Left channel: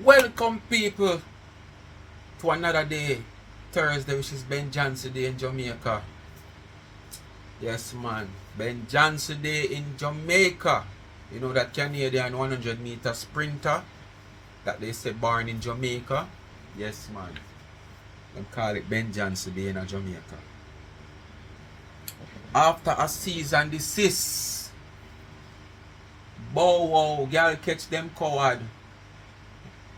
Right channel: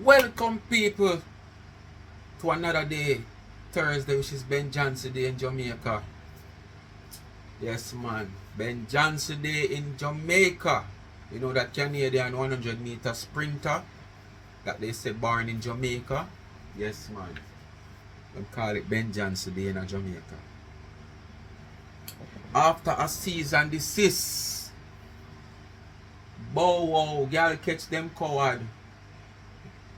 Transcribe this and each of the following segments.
Welcome people to another day, Thursday, which is Ben Johnson Day in Jamaica. Yes man, Ben Johnson Day in Jamaica. You know that Canadian 100-meter sprinter that they say born in Jamaica. Yes man, them call it Ben Johnson Day in Jamaica. After a season desist, bow wow, girl catch them coward.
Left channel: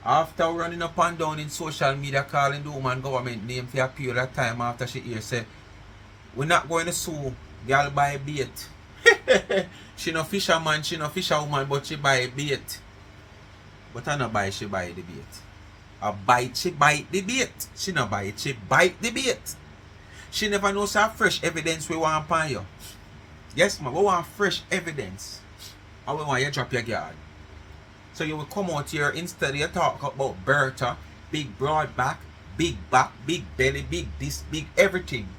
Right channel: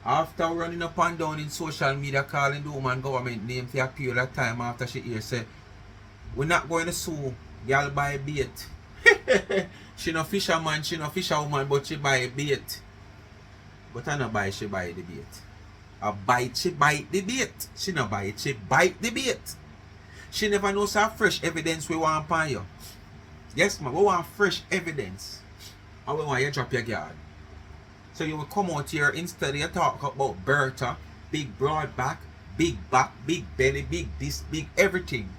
After running up and down in social media calling the woman government name for a period of time after she hear say, we're not going to sue girl buy bait. She no fisherman, she no fisherwoman, but she buy bait. But I no buy, she buy the bait. A bite, she bite the bait. She no buy it, she bite the bait. She never knows how fresh evidence we want upon you. Yes man, we want fresh evidence. And we want you drop your guard. So you will come out here instead you talk about Bertha, big broad back, big belly, big this, big everything.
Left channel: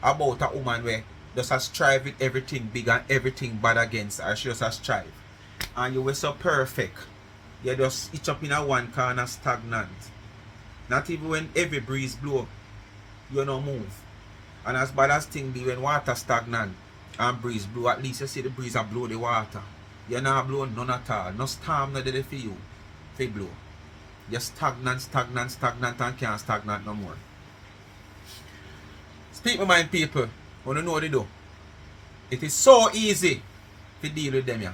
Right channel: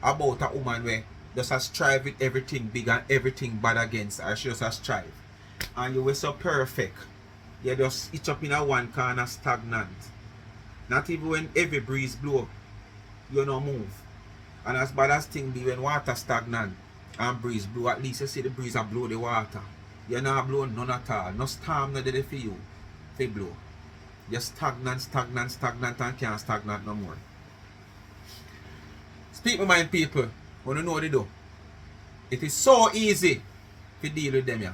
About a woman where just a strive with everything big and everything bad against her. She just a strive. And you were so perfect. You just itch up in a one corner stagnant. Not even when every breeze blow, you no move. And as bad as thing be when water stagnant and breeze blow, at least you see the breeze and blow the water. You're not blowing none at all. No storm not there for you. They blow. You're stagnant and can't stagnant no more. Speak my mind people. Want to know what they do. It is so easy to deal with them, yeah.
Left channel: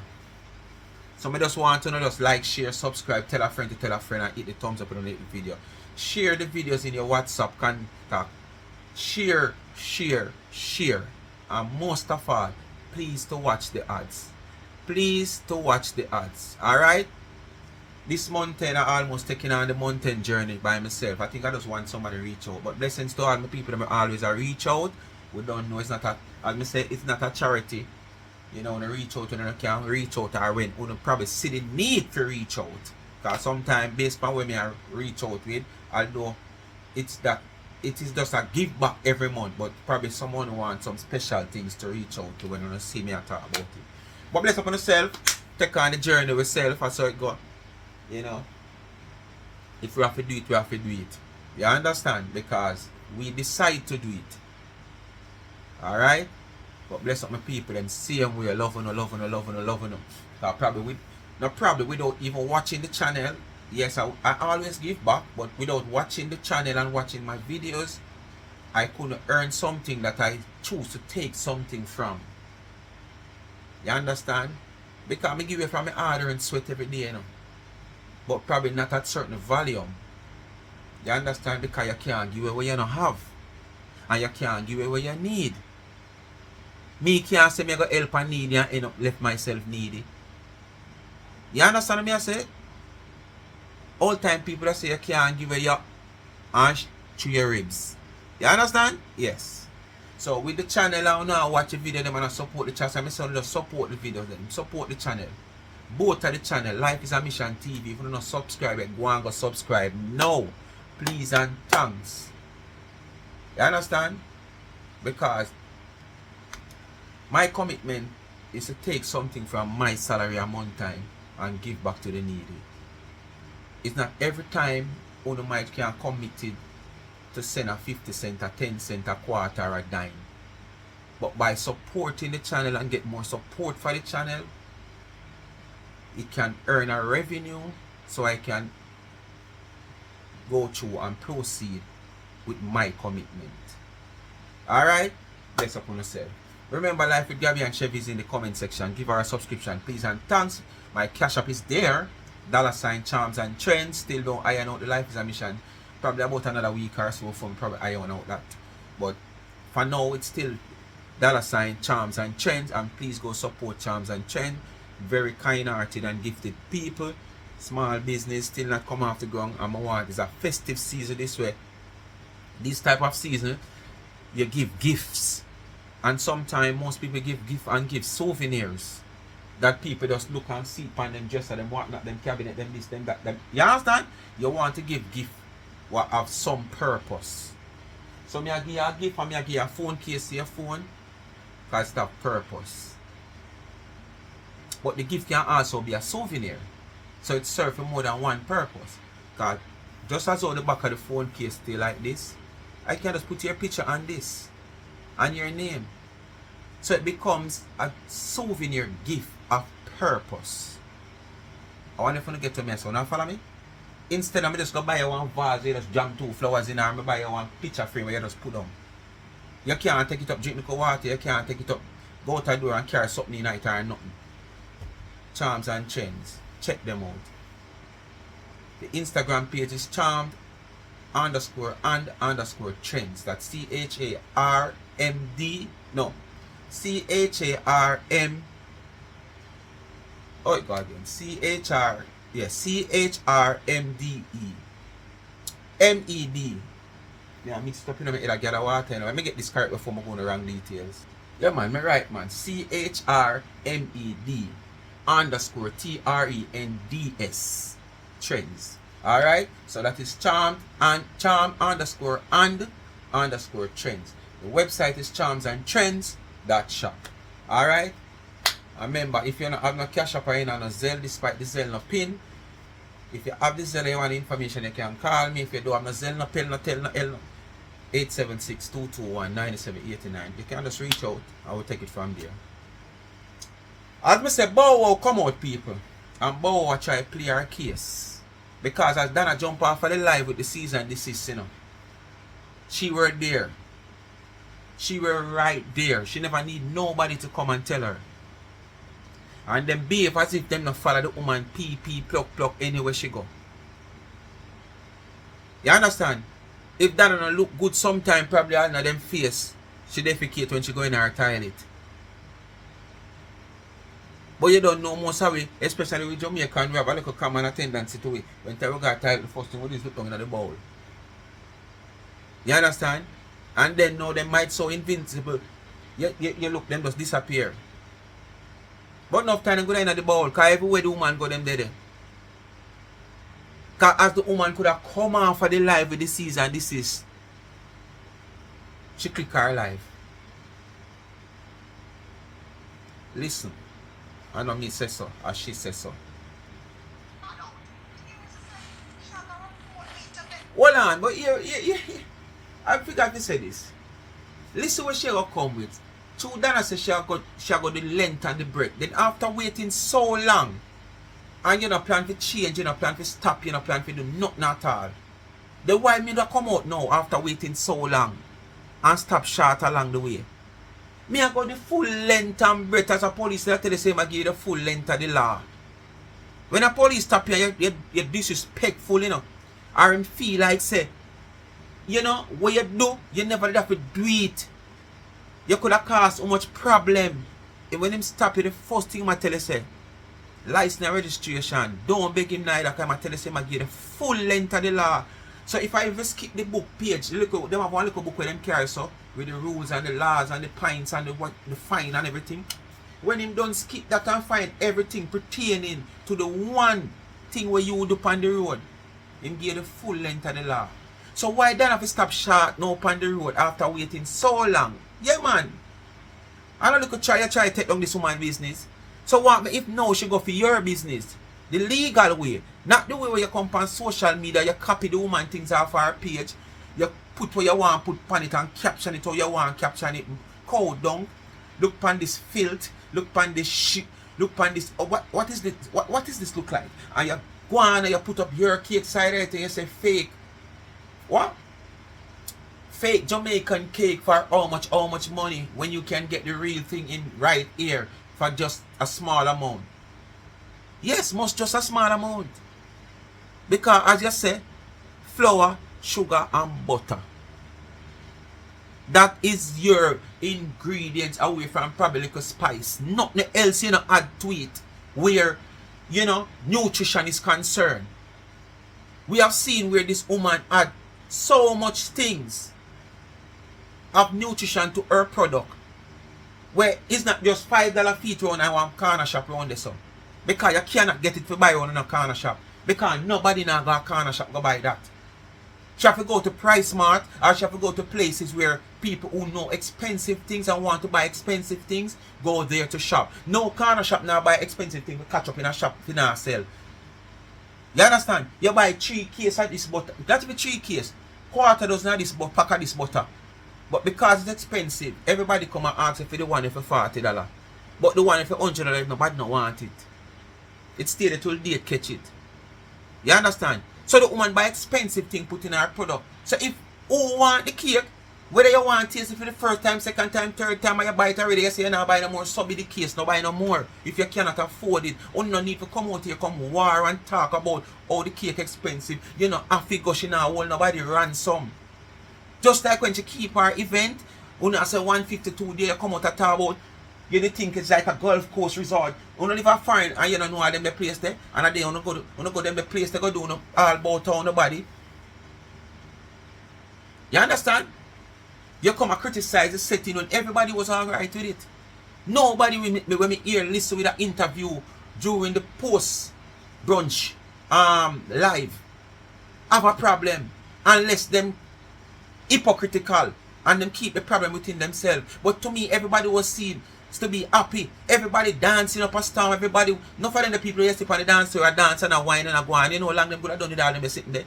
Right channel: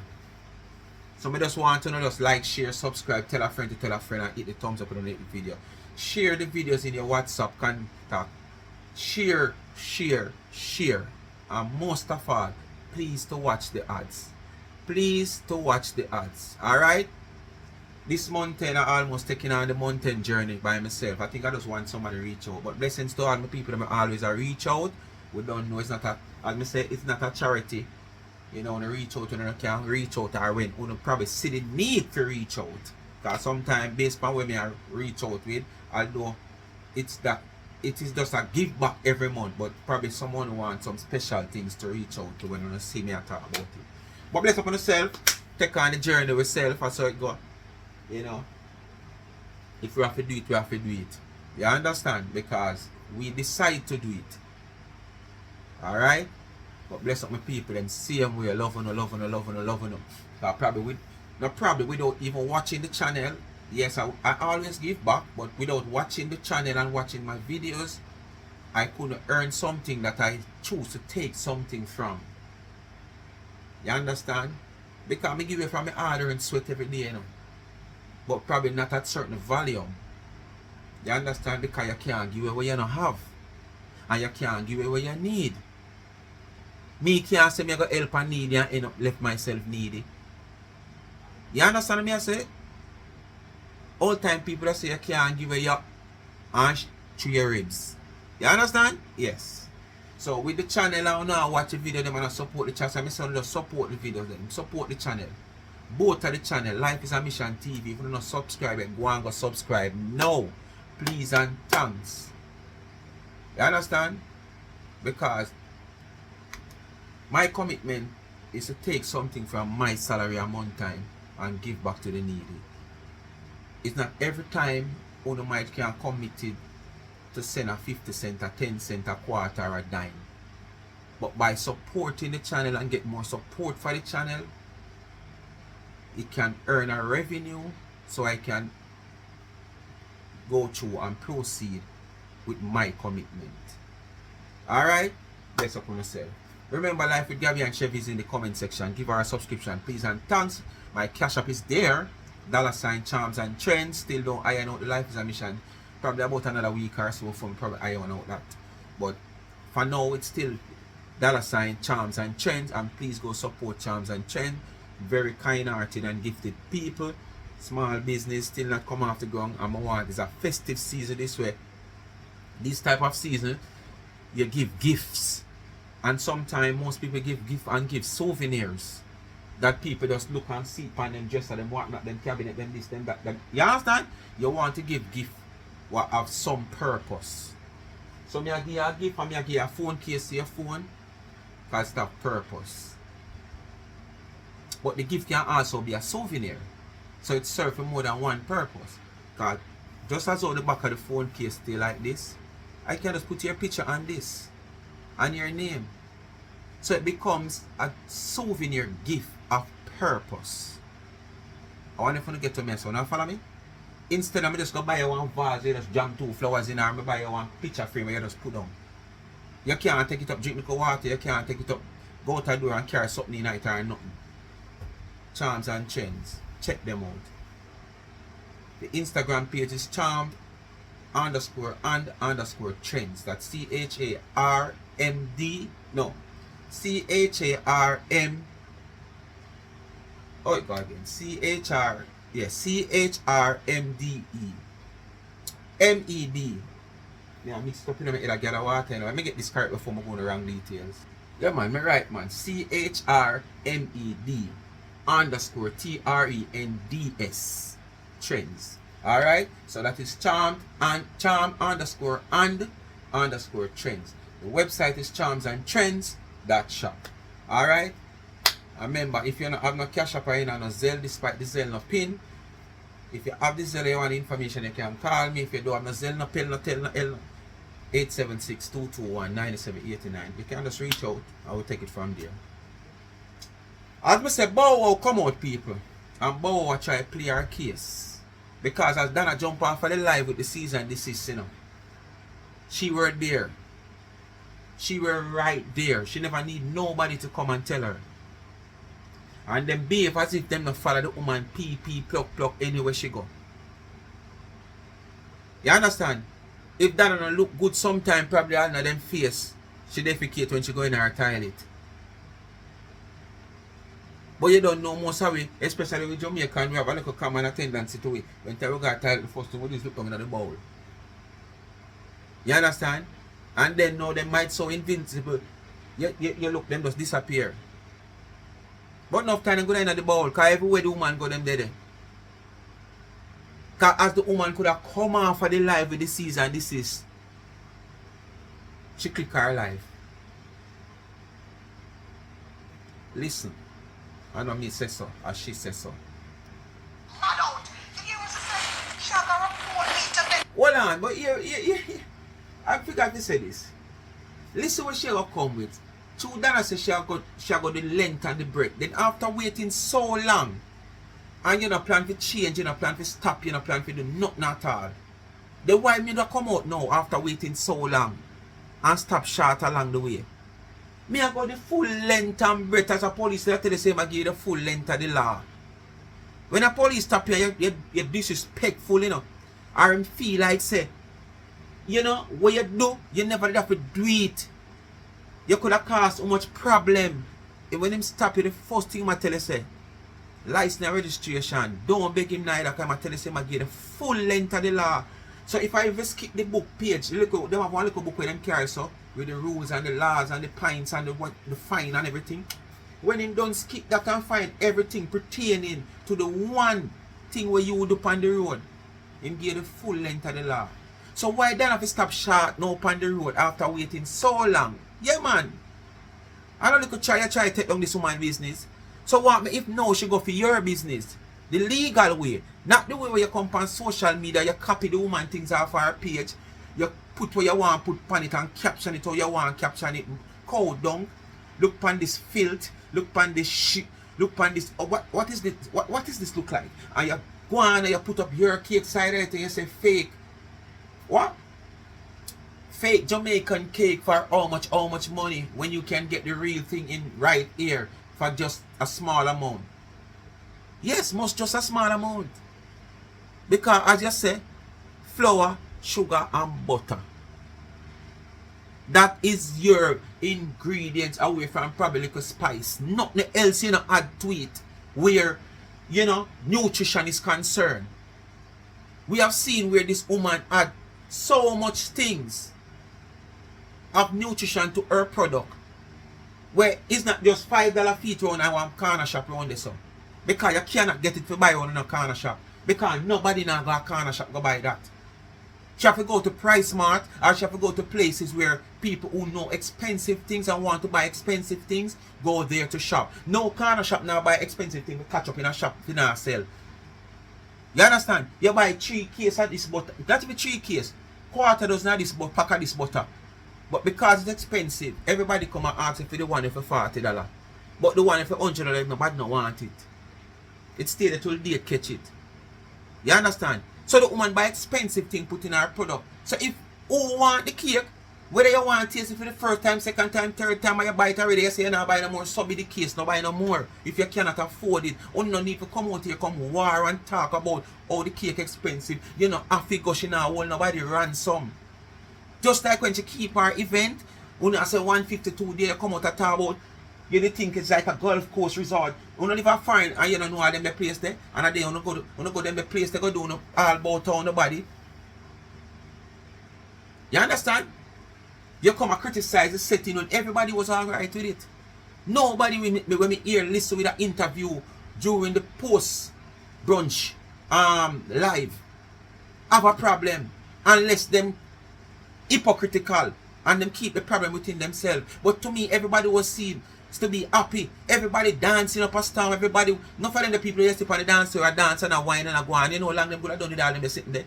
So I just want to know, just like, share, subscribe, tell a friend to tell a friend and hit the thumbs up on the video. Share the videos in your WhatsApp contact. Share. And most of all, please to watch the ads. Please to watch the ads. Alright? This mountain I almost taking on the mountain journey by myself. I think I just want somebody to reach out. But blessings to all my people that always reach out. We don't know it's not a, as I say, it's not a charity. You know, when you reach out, you can reach out or when you probably see the need to reach out. Because sometimes based on when I reach out with, although it is just a give back every month, but probably someone wants some special things to reach out to when you see me talk about it. But bless upon yourself, take on the journey with self, that's how it go. You know, if we have to do it, we have to do it. You understand? Because we decide to do it. Alright? But bless up my people and see them we are loving them. Probably without even watching the channel. Yes, I always give back, but without watching the channel and watching my videos, I couldn't earn something that I choose to take something from. You understand? Because I give it from my order and sweat every day, you know. But probably not at certain volume. You understand? Because you can't give it what you don't have. And you can't give it what you need. Me can't say me go help and need and end up left myself needy. You understand me I say? All time people that say you can't give it your hands to your ribs. You understand? Yes. So with the channel I now watch the video them and support the channel. I say just support the videos them. Support the channel. Both of the channel. Life is a Mission TV. If you don't subscribe, go and go subscribe. No. Please and thanks. You understand? Because my commitment is to take something from my salary a month time and give back to the needy. It's not every time one might can committed to send a 50 cent, a 10 cent, a quarter, or a dime. But by supporting the channel and get more support for the channel, it can earn a revenue so I can go through and proceed with my commitment. Alright? Bless up on yourself. Remember, Life with Gabby and Chevy is in the comment section. Give her a subscription, please and thanks. My cash app is there. $ Charms and Trends. Still don't iron out the Life is a Mission. Probably about another week or so for me probably iron out that. But for now it's still $ Charms and Trends, and please go support Charms and Trends. Very kind hearted and gifted people. Small business still not come off the ground, and I want it's a festive season this way. This type of season you give gifts, and sometimes most people give souvenirs that people just look and see upon them dresser, them whatnot, them cabinet, them this, them that, them. You understand? You want to give gift what have some purpose. So me I give you a gift and me I give you a phone case to your phone because it have purpose. But the gift can also be a souvenir. So it serves for more than one purpose. Because just as how the back of the phone case stay like this, I can just put your picture on this and your name. So it becomes a souvenir gift of purpose. I want you to get to me, so now follow me. Instead of me just go buy you one vase, you just jam 2 flowers in there, and buy you one picture frame where you just put them. You can't take it up, drink the water, you can't take it up, go out the door and carry something in night or nothing. Charms and Trends. Check them out. The Instagram page is charmed_and_trends. That's CHARMD. No. CHARM. Oh, go again. CHRMDE. MED. Yeah, mixed up in my head. I get a water. Let me get this correct before I go on the wrong details. Yeah, man. Me right, man. CHRMED_TRENDS. Trends. Alright? So that is charm_and_trends. The website is charmsandtrends.shop. Alright? Remember, if you don't have no cash up or in no Zelle, despite the Zelle no pin, if you have the Zelle and you want information, you can call me. If you don't have no Zelle, no pin, no tell, no L, 876-221-9789. You can just reach out. I will take it from there. As I said, Bow Wow come out, people. And Bow Wow try to play our case. Because as Dana jump off of the live with the season Desist, you know, she were there. She were right there. She never need nobody to come and tell her. And then behave as if them not follow the woman pee pluck anywhere she go. You understand? If that don't look good sometime, probably all of them face she defecate when she go in her toilet. But you don't know most of it, especially with Jamaican, we have a little common attendance to it. When we got title, the first thing we do is look down at the bowl. You understand? And then now they might so invincible. You look, them just disappear. But enough time to go down at the bowl, because everywhere the woman go, them there. Because as the woman could have come off of the live with the season, this is, she click her live. Listen. I know me say so, or she says so. Hold on, but here, I forgot to say this. Listen what she will come with. Two Dana says she got the length and the breadth. Then after waiting so long, and you don't plan to change, you don't plan to stop, you don't plan to do nothing at all. Then why me not come out now after waiting so long and stop short along the way? Me I got the full length and breadth as a police that tell the same I give you the full length of the law. When a police stop you, you're disrespectful, you know. Or him feel like say, you know, what you do, you never have to do it. You could have caused so much problem. And when him stop you, the first thing I tell you say, license and registration. Don't beg him neither, because I tell you say I give the full length of the law. So if I ever skip the book page, look, them have one little book where them carry so with the rules and the laws and the pints and the fine and everything. When him don't skip that and find everything pertaining to the one thing where you would do on the road, him give the full length of the law. So why then have to stop short now on the road after waiting so long? Yeah, man. I know you could try to take down this woman's business. So what if now she go for your business? The legal way. Not the way where you come on social media, you copy the woman things off her page, you put what you want, put on it and caption it how you want, caption it, code down. Look on this filth, look on this shit, look on this, what is this, what is this look like? And you go on and you put up your cake side right and you say fake. What? Fake Jamaican cake for how much money when you can get the real thing in right here for just a small amount? Yes, most just a small amount. Because as you say, flour, sugar and butter. That is your ingredients away from probably like a spice. Nothing else you know add to it where, you know, nutrition is concerned. We have seen where this woman add so much things of nutrition to her product. Where it's not just $5 feet round and one corner shop around this. Because you cannot get it to buy one in a corner shop. Because nobody now go to a corner shop go buy that. She have to go to Price Mart or she have to go to places where people who know expensive things and want to buy expensive things go there to shop. No corner shop now buy expensive things to catch up in a shop if you not sell. You understand? You buy 3 cases of this butter. That be 3 cases. Quarter dozen of this butter, pack of this butter. But because it's expensive, everybody come and ask for the one for $40. But the one for $100, nobody don't want it. It stay there till they catch it. You understand? So the woman buy expensive thing put in her product. So if you want the cake, whether you want to taste it for the first time, second time, third time, or you buy it already, you say you not buy no more, so be the case, no buy no more. If you cannot afford it, you no need to come out here, come war and talk about how the cake expensive. You know, have to go, she now hold nobody ransom. Just like when she keep her event, you know, say 152 there, come out and talk about, you think it's like a golf course resort. You don't live a foreign and you don't know how them the place there. And a day you go them the place they go do no, all about town nobody. You understand? You come and criticize the setting when everybody was alright with it. Nobody when me hear listen with an interview during the post brunch live have a problem unless them hypocritical and them keep the problem within themselves. But to me, everybody was seen to be happy. Everybody dancing up a storm. Everybody, not for them the people who sit on the dance or a dance and a wine and a go on. You know, long them could have done it all them sitting there.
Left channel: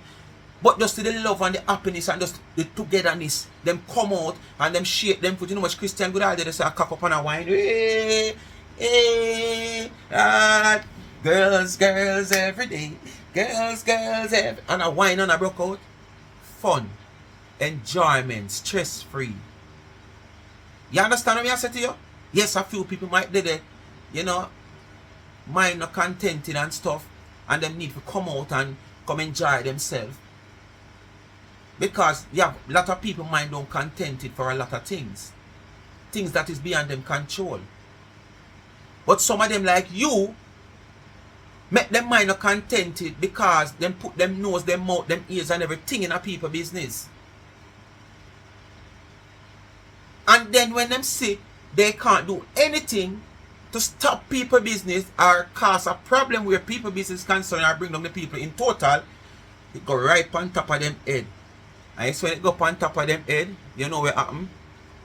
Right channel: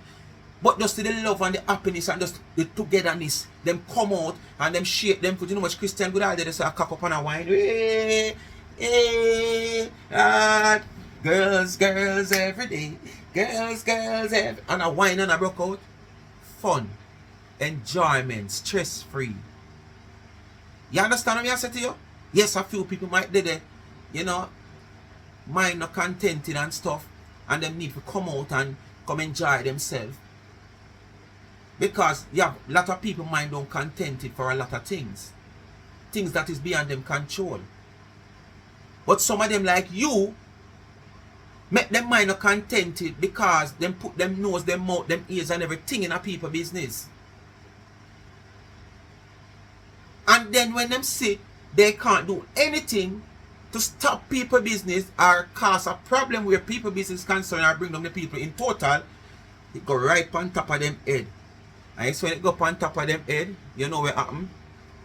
But just the love and the happiness and just the togetherness, them come out and them shake them foot. You know much Christian good idea, they say a cock up on a wine. Hey, hey, girls, girls every day. Girls, girls every and a wine and a broke out. Fun, enjoyment, stress free. You understand what I say to you? Yes, a few people might do that, you know, mind not contented and stuff, and them need to come out and come enjoy themselves. Because you have a lot of people mind don't contented for a lot of things. Things that is beyond them control. But some of them like you, make them mind not contented because them put them nose, them mouth, them ears and everything in a people business. And then when them see they can't do anything to stop people business or cause a problem where people business concerned or bring down the people in total, it go right on top of them head. And it's when it go on top of them head, you know what happen?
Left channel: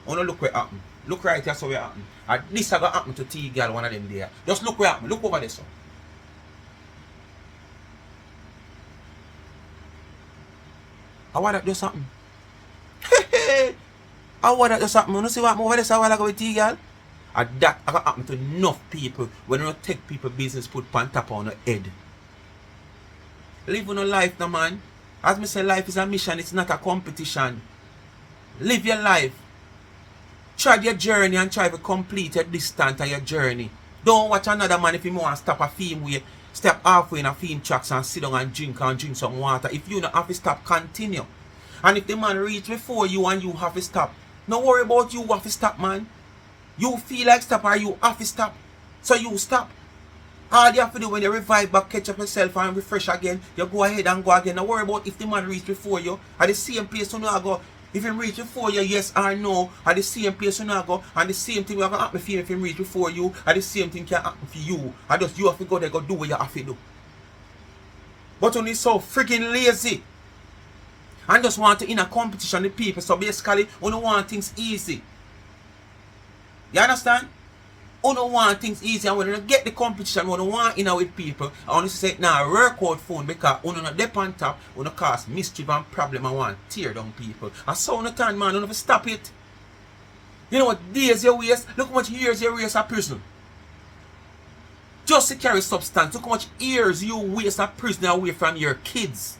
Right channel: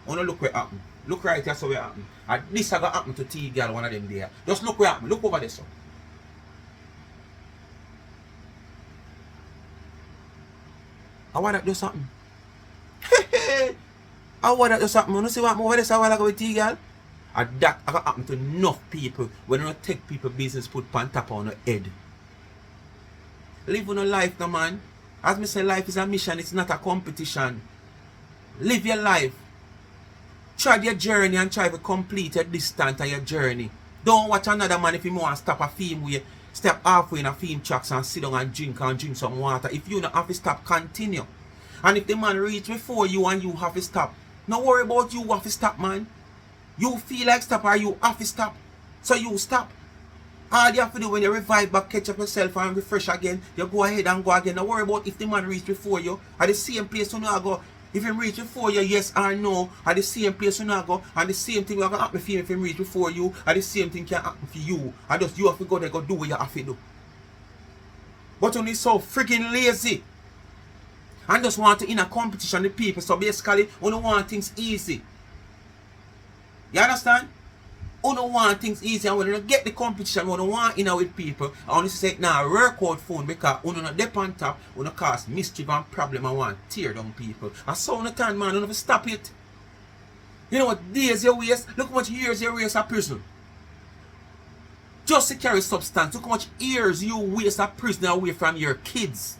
You know look what happen. Look right here, so what happen. And this is going to happen to T-Girl, one of them there. Just look what happen. Look over there, so. How would that just happen? How would that just happen? You see what over there, so I go with T-Girl? And that happen to enough people when you take people business put on top on your head. Live on a life, no man. As me say, life is a mission, it's not a competition. Live your life. Try your journey and try to complete your distance of your journey. Don't watch another man if you want to stop a film way. Step halfway in a film tracks and sit down and drink some water. If you don't have to stop, continue. And if the man reach before you and you have to stop, don't worry about you have to stop, man. You feel like stop or you have to stop. So you stop. All you have to do when you revive back, catch up yourself and refresh again, you go ahead and go again. Don't worry about if the man reach before you. At the same place you know go. If him reach before you, yes or no, at the same place you know go. And the same thing will happen for him if him reach before you. And the same thing can happen for you. And just you have to go there, go do what you have to do. But only so freaking lazy. And just want to in a competition with people. So basically, we don't want things easy. You understand? We don't want things easy, and when you get the competition, we don't want in with people. I want to say, nah, work out phone because we don't dip on top, we don't cause mischief and problem and want tear down people. And so on the time, man, you don't stop it. You know what days you waste? Look how much years you waste a prison. Just to carry substance, look how much years you waste a prison away from your kids.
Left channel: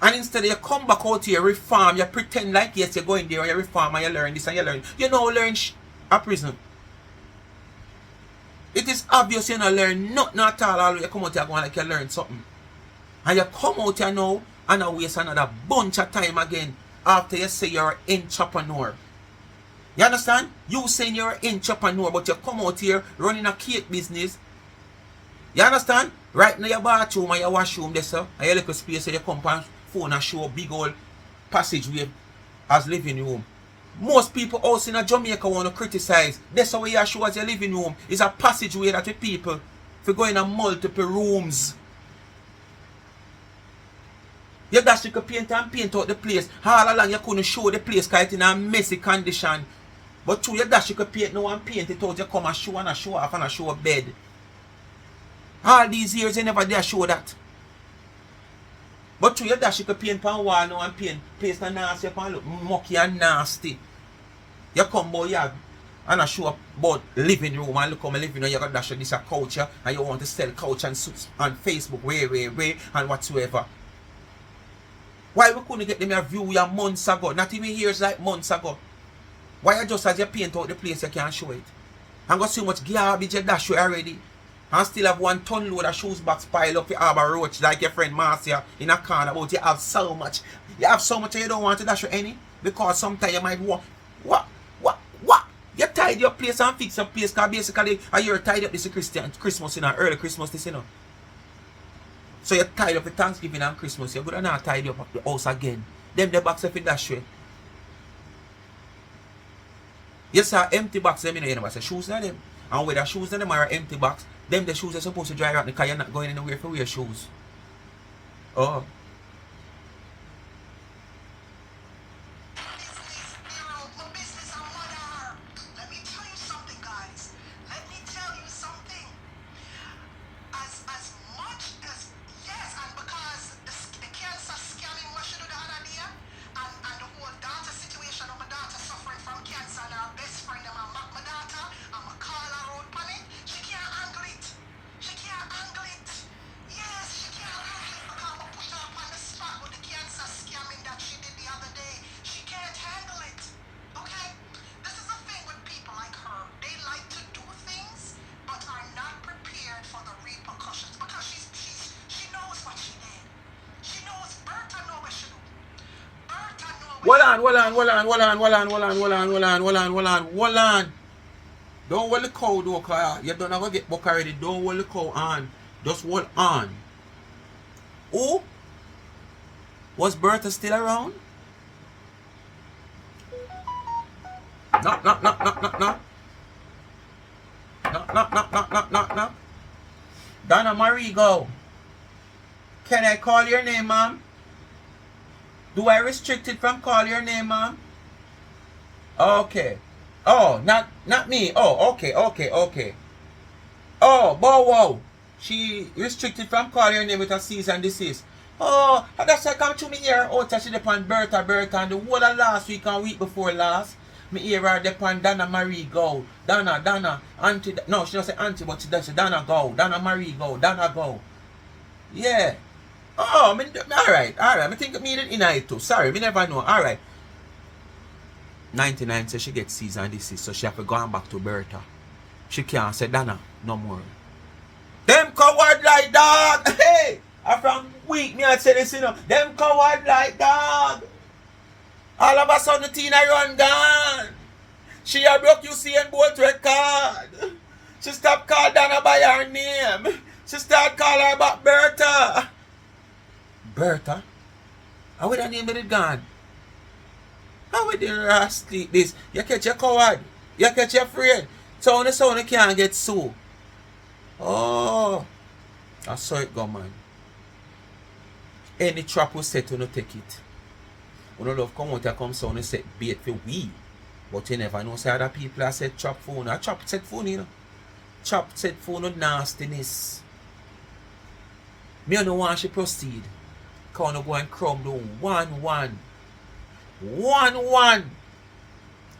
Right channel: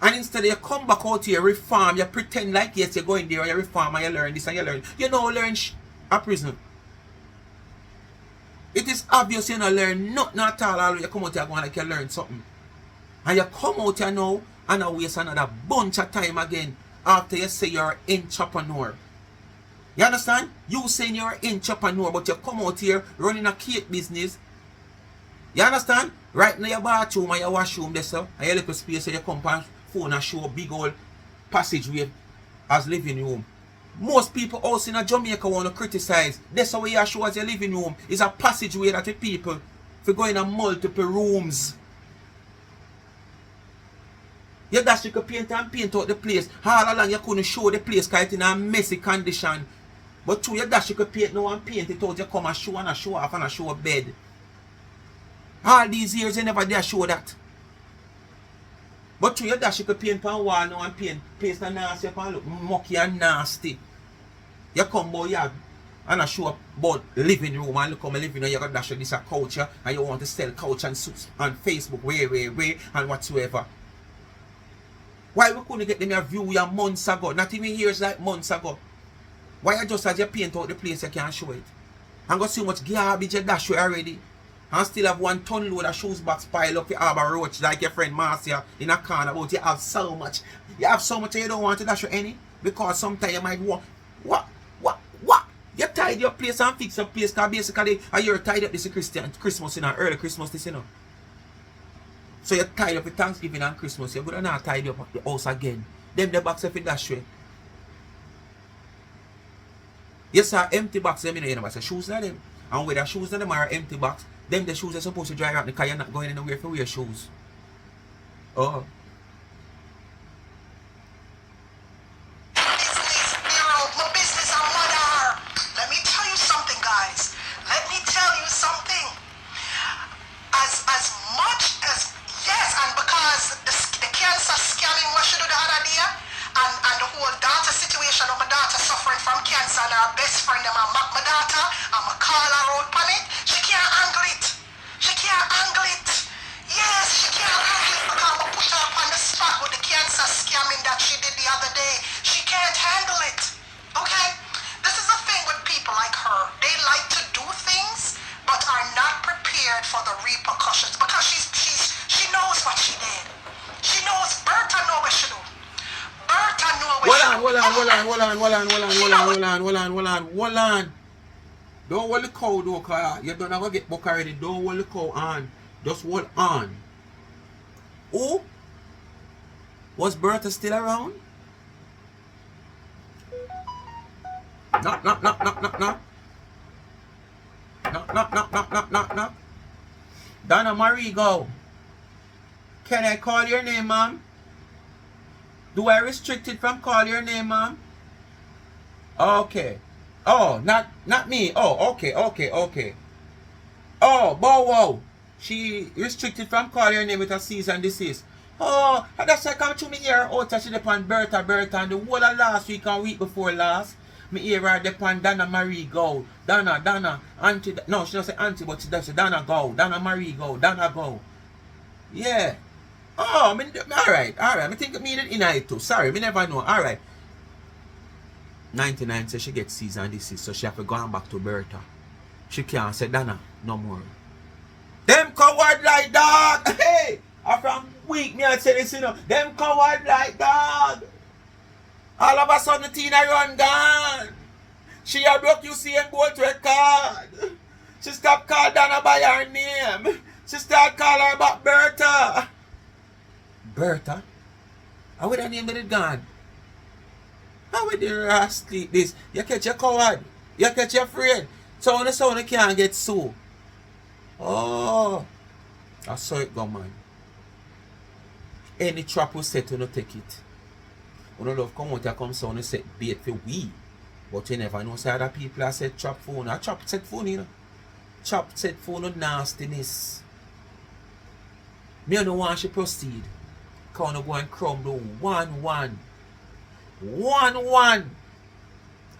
And instead you come back out here, reform, you pretend like yes, you're going there and you reform and you learn this and you learn. You know, learn a prison. It is obvious you don't learn nothing at all. You come out here going like you learn something. And you come out here now and you waste another bunch of time again after you say you're an entrepreneur. You understand? You saying you're an entrepreneur, but you come out here running a cake business. You understand? Right in your bathroom and your washroom there, sir. And you look at space so you come on phone and show a big old passageway as living room. Most people also in Jamaica want to criticize. That's how you show as your living room. It's a passageway that the people for going in multiple rooms. You dash you could paint and paint out the place. All along you couldn't show the place because it's in a messy condition. But through your dash you could paint now and paint it out. You come and show off and show a bed. All these years, you never dare show that. But through your dash, you could paint pan wall now and paint place na nasty pan look mucky and nasty. You come boy, you and I show up about living room and look how my living room, you got dash this a couch and you want to sell couch and suits on Facebook, way, and whatsoever. Why we couldn't get them a view ya months ago? Not even years, like months ago. Why you just as you paint out the place you can't show it? And got so much garbage you dash already. And still have 1 ton load of shoes box pile up your arbor roach like your friend Marcia in a corner about you have so much. You have so much and you don't want to dash any. Because sometimes you might want what? You tidy your place and fix your place because basically you're tied up this Christmas, you know, early Christmas this, you know. So you tied up for Thanksgiving and Christmas, you're gonna not tidy up the house again. Then the box if it dash way. Yes, sir, empty box them in the shoes are them. And with the shoes them are empty box, them the shoes are supposed to dry out because you're not going anywhere for wear shoes. Oh. Hold on. Don't hold the cow though, cause you don't have to get buck already. Don't hold the cow on. Just hold on. Oh? Was Bertha still around? Knock. Knock. Donna Marie, go. Can I call your name, ma'am? Do I restrict it from call your name, ma'am? Okay. Oh, not me. Oh, okay. Oh, bow wow. She restricted from call your name with a cease and desist. Oh, that's why come to me here. Oh, she depend Bertha, and the whole of last week and week before last. Me hear her depend Donna Marie go. Donna, auntie. No, she don't say auntie, but she does say Donna go. Donna Marie go. Donna go. Yeah. Oh, alright. I think me did in it too. Sorry, me never know. Alright. 99 says she gets cease and desist, so she have to go on back to Bertha. She can't say Donna no more. Them coward like dog. Hey! From week me I say this, you know. Them coward like dog. All of a sudden Tina run gone. She a broke Usain Bolt record. She stopped calling Donna by her name. She start calling her about Bertha. Bertha? How would her name be gone? How would the rascal this? You catch your coward. You catch your afraid. So on the sound you can't get sued. Oh. I saw it go, man. Any trap will set to not take it. You don't love come out and come sound and set bait for we. But you never know say other people are set trap phone. A trap set phone, you know. Trap set phone of nastiness. Me don't want to proceed. Can go and crumble 1-1. 1-1.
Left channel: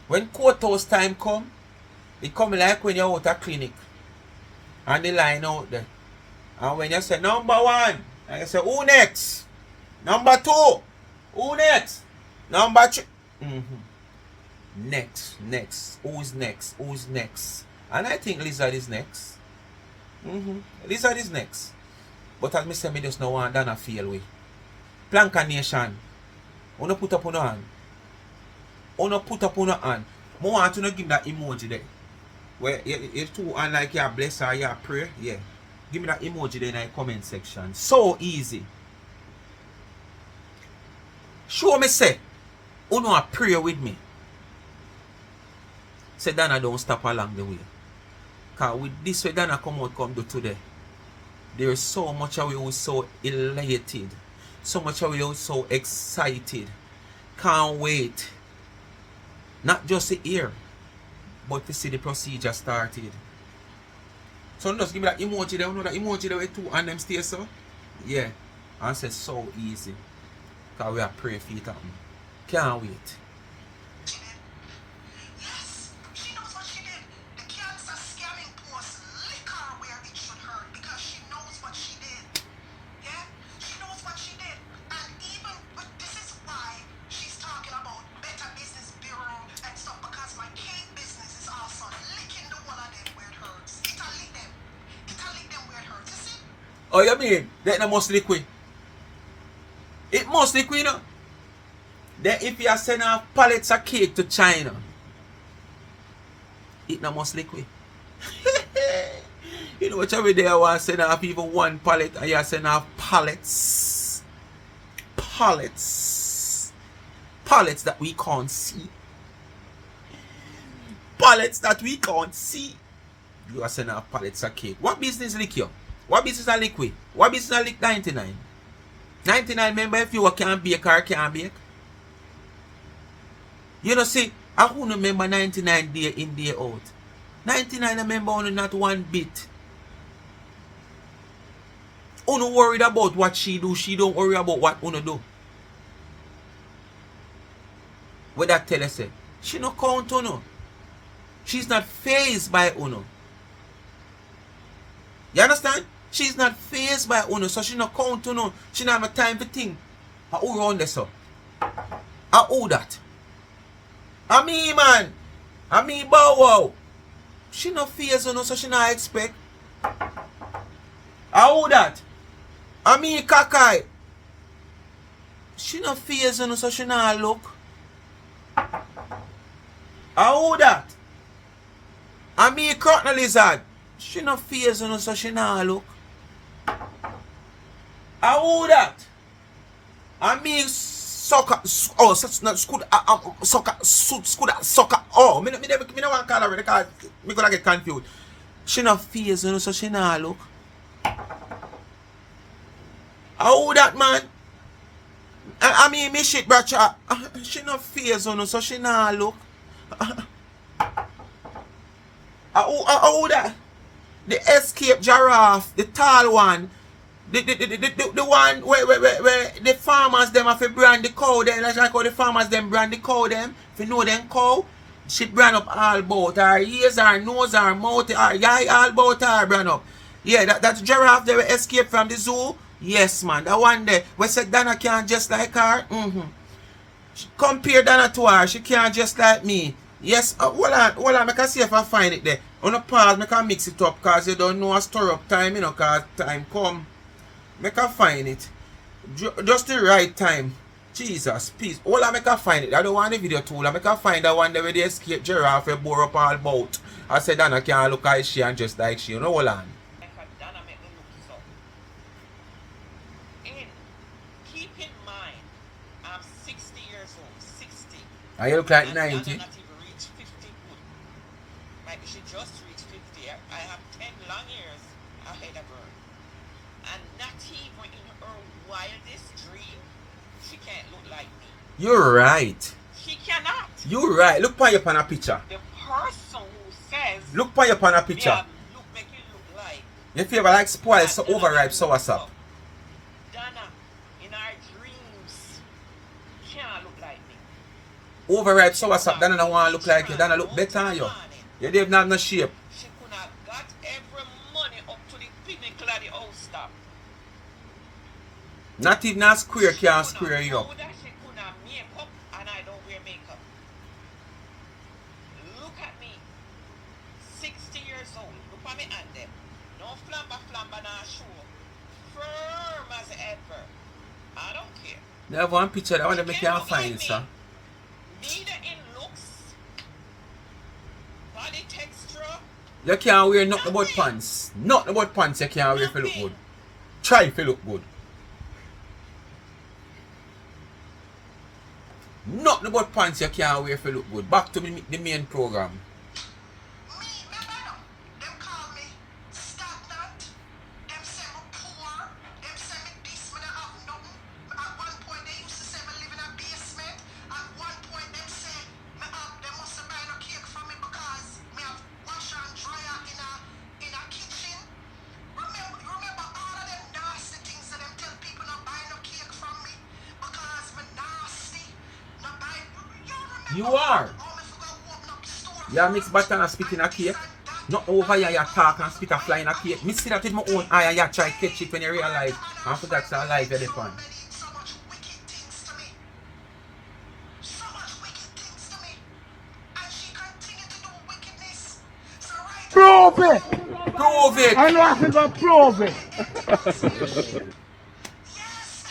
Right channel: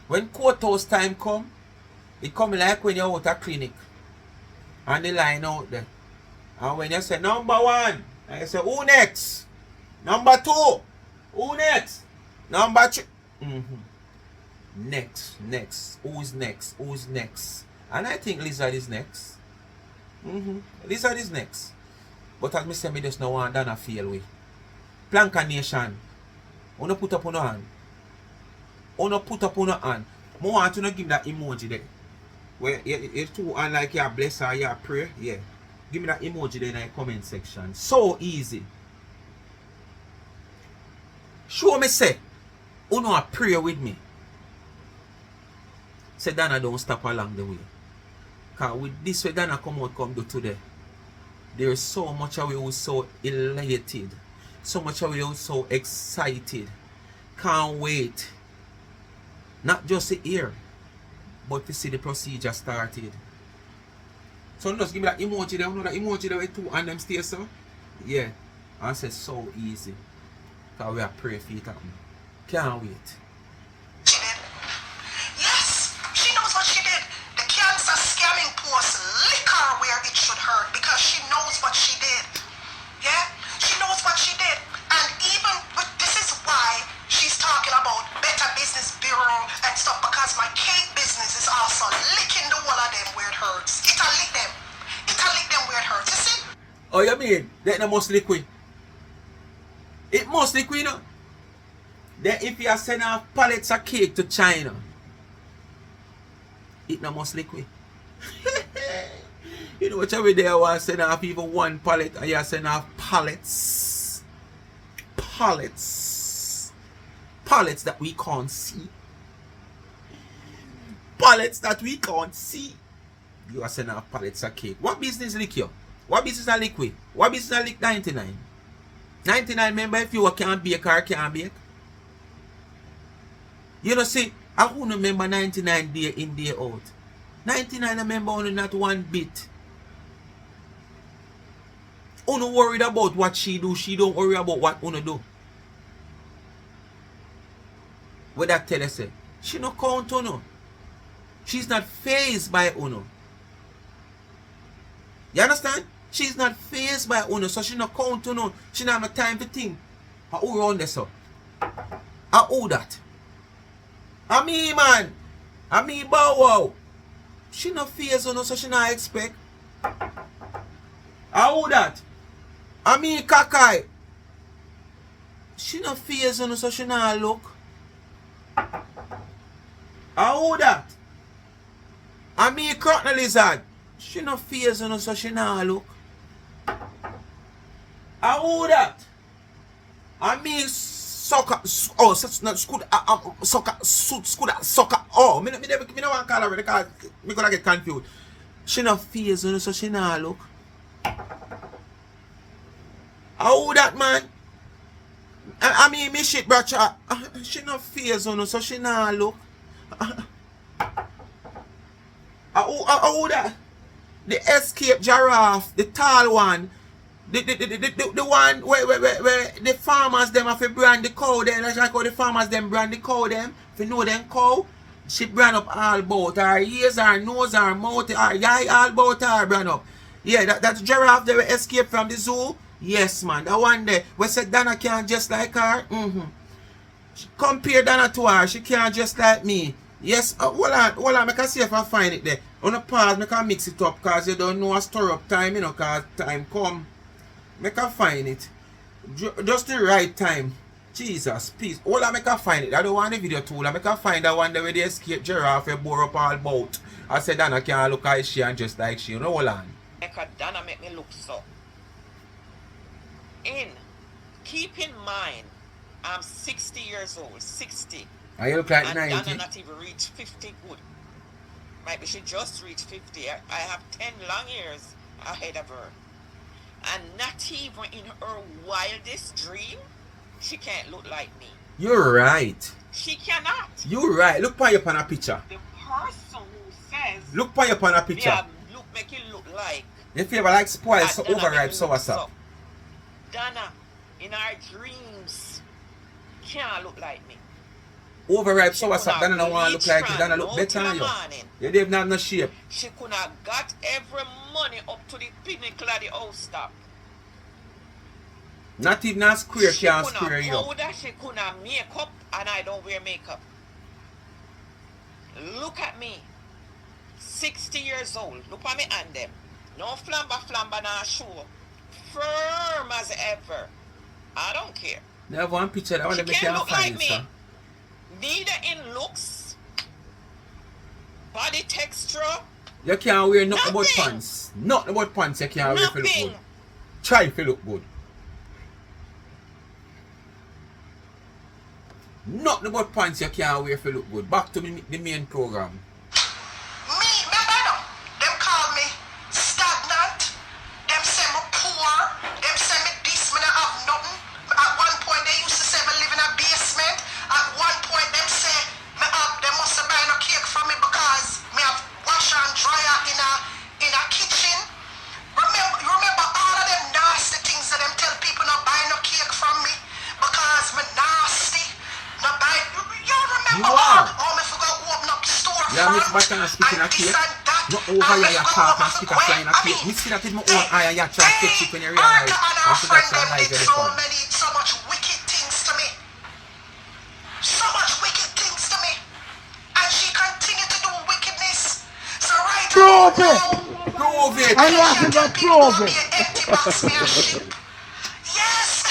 When courthouse time come, it come like when you're out of clinic. And the line out there. And when you say number 1, and you say who next? Number 2. Who next? Number 3. Next. Who's next? And I think Lizard is next. Lizard is next. But as I say, me just no want Donna feel way. Planka Nation. Wanna put up on your hand. I want to give me that emoji there. Where it's too unlike you bless or you pray. Yeah. Give me that emoji there in the comment section. So easy. Show me say, you know pray with me. Say Donna don't stop along the way. Cause with this way Donna come do today. There is so much of you so elated. So much of you so excited. Can't wait. Not just to hear, but to see the procedure started. So just give me that emoji there, you know that emoji there with two and them stay so? Yeah. And say so easy. Because we are pray for it happen. Can't wait. She did. Yes, she knows what she did. The cancer scamming post lick her where it should hurt because she knows what she did. Yeah? She knows what she did. And even with this is why she's talking about Better Business Bureau and stuff because my cake business is also licking the wall of them where it hurts. It'll lick them. It'll lick them where it hurts. You see? Oh, you mean? That must liquid. It must liquid, you know? Then if you are sending off pallets of cake to China, it not must liquid. You know what every day I want to send off even one pallet and you send off pallets. Pallets. Pallets that we can't see. Pallets that we can't see. You are sending off pallets of cake. What business lick you? What business are liquid? What business are lick 99? 99 remember if you can't bake or can't bake? You know see, I won't remember 99 day in day out. 99 I remember only not one bit. Uno worried about what she do, she don't worry about what Uno do. What that tell her say? She no count Uno. She's not fazed by Uno. You understand? She's not fazed by Uno, so she no count Uno. She not have time to think. Who around there so? Who that? I mean man. I mean Bow Wow. She no fears Uno, so she not expect. Who that? I mean Kakai. She no fears Uno, so she not look. Who that? I mean Cotton Lizard. She no fears Uno, so she not look. Who that? I mean soccer. Oh, not school. Soccer. Oh, me never want to call her because me gonna get confused. She no fears Uno, so she not look. Who that man? I mean me shit, brother. She no fears Uno, so she not look. Who that? The escape giraffe, the tall one. The one where the farmers them have to brand the cow them, like how the farmers them brand the cow them. If you know them cow, she brand up all about her ears, her nose, her mouth, her eye, all about her brand up. Yeah, that giraffe they will escape from the zoo. Yes man, that one there. We said Dana can't just like her. Compare Dana to her, she can't just like me. Yes, hold on, make I see if I find it there. On the pause, make I mix it up because you don't know a stir up time, you know, because time come. Make I find it. Just the right time. Jesus, please. Hold on, make I find it. I don't want the video too long. Make I find that one there where the escape giraffe bore up all about. I said Dana can't look like she and just like she. You know, hold on. Dana make me look so. Keep in mind, I'm 60 years old. 60. And you look like and 90. Dana not even reach 50 good. Maybe she just reached 50. I have 10 long years ahead of her. And not even in her wildest dream, she can't look like me. You're right. She cannot. You're right. Look on your picture. The person who says look on your picture. Yeah, make it look like. You feel like spoiled, so overripe, so what's up? Dana, in our dreams, can't look like me. Overripe, so what's up? Dana don't want to look like you. Dana look better than you. You didn't have no shape. She could have got every money up to the pinnacle of the house top. Not even a square can square you. She couldn't have makeup and I don't wear makeup. Look at me. 60 years old. Look at me and them. No flamba now show. Firm as ever. I don't care. They have one picture that one make you find like it, sir. Neither in looks, body texture. You can't wear nothing about pants. Nothing about pants you can't wear if you look good. Try if you look good. Nothing about pants you can't wear if you look good. Back to the main program. Them call me stagnant. Them say me poor. Them say me this, me not have nothing. At one point they used to say me live in a basement. At one point them say they must have buy no cake from me because me have wash and dryer in a kitchen. You are. Oh, me forgot to open up the store. Yeah, Miss Batan speaking a cake. No over here you talk and speak a flying a cake. Me see that with my own eye and you try to catch it when you realize. I forgot to realize you're the fun. So much wicked things to me. So much wicked things to me. And she continued to do wickedness. So right Prove it! Prove it. I know I can go prove it. Yes.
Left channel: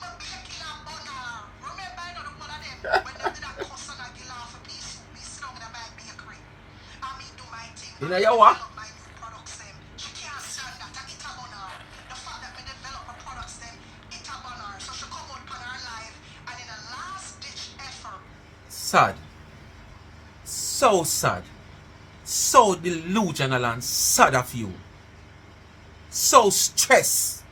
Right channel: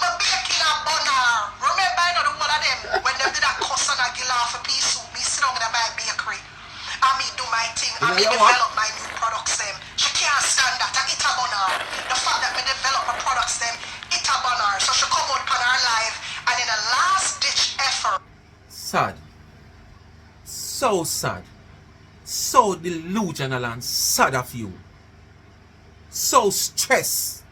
But baking a bunner. Remember, I know the one of them when they did that cuss and I get off a piece soup. Me sit down in my bakery. And me do my thing. You And know me you what? develop my new products them. She can't stand that. I eat a bunner. The fact that me develop my products them, eat a bunner. So she come out on her live and in a last ditch effort. Sad. So sad. So delusional and sad of you. So stressed.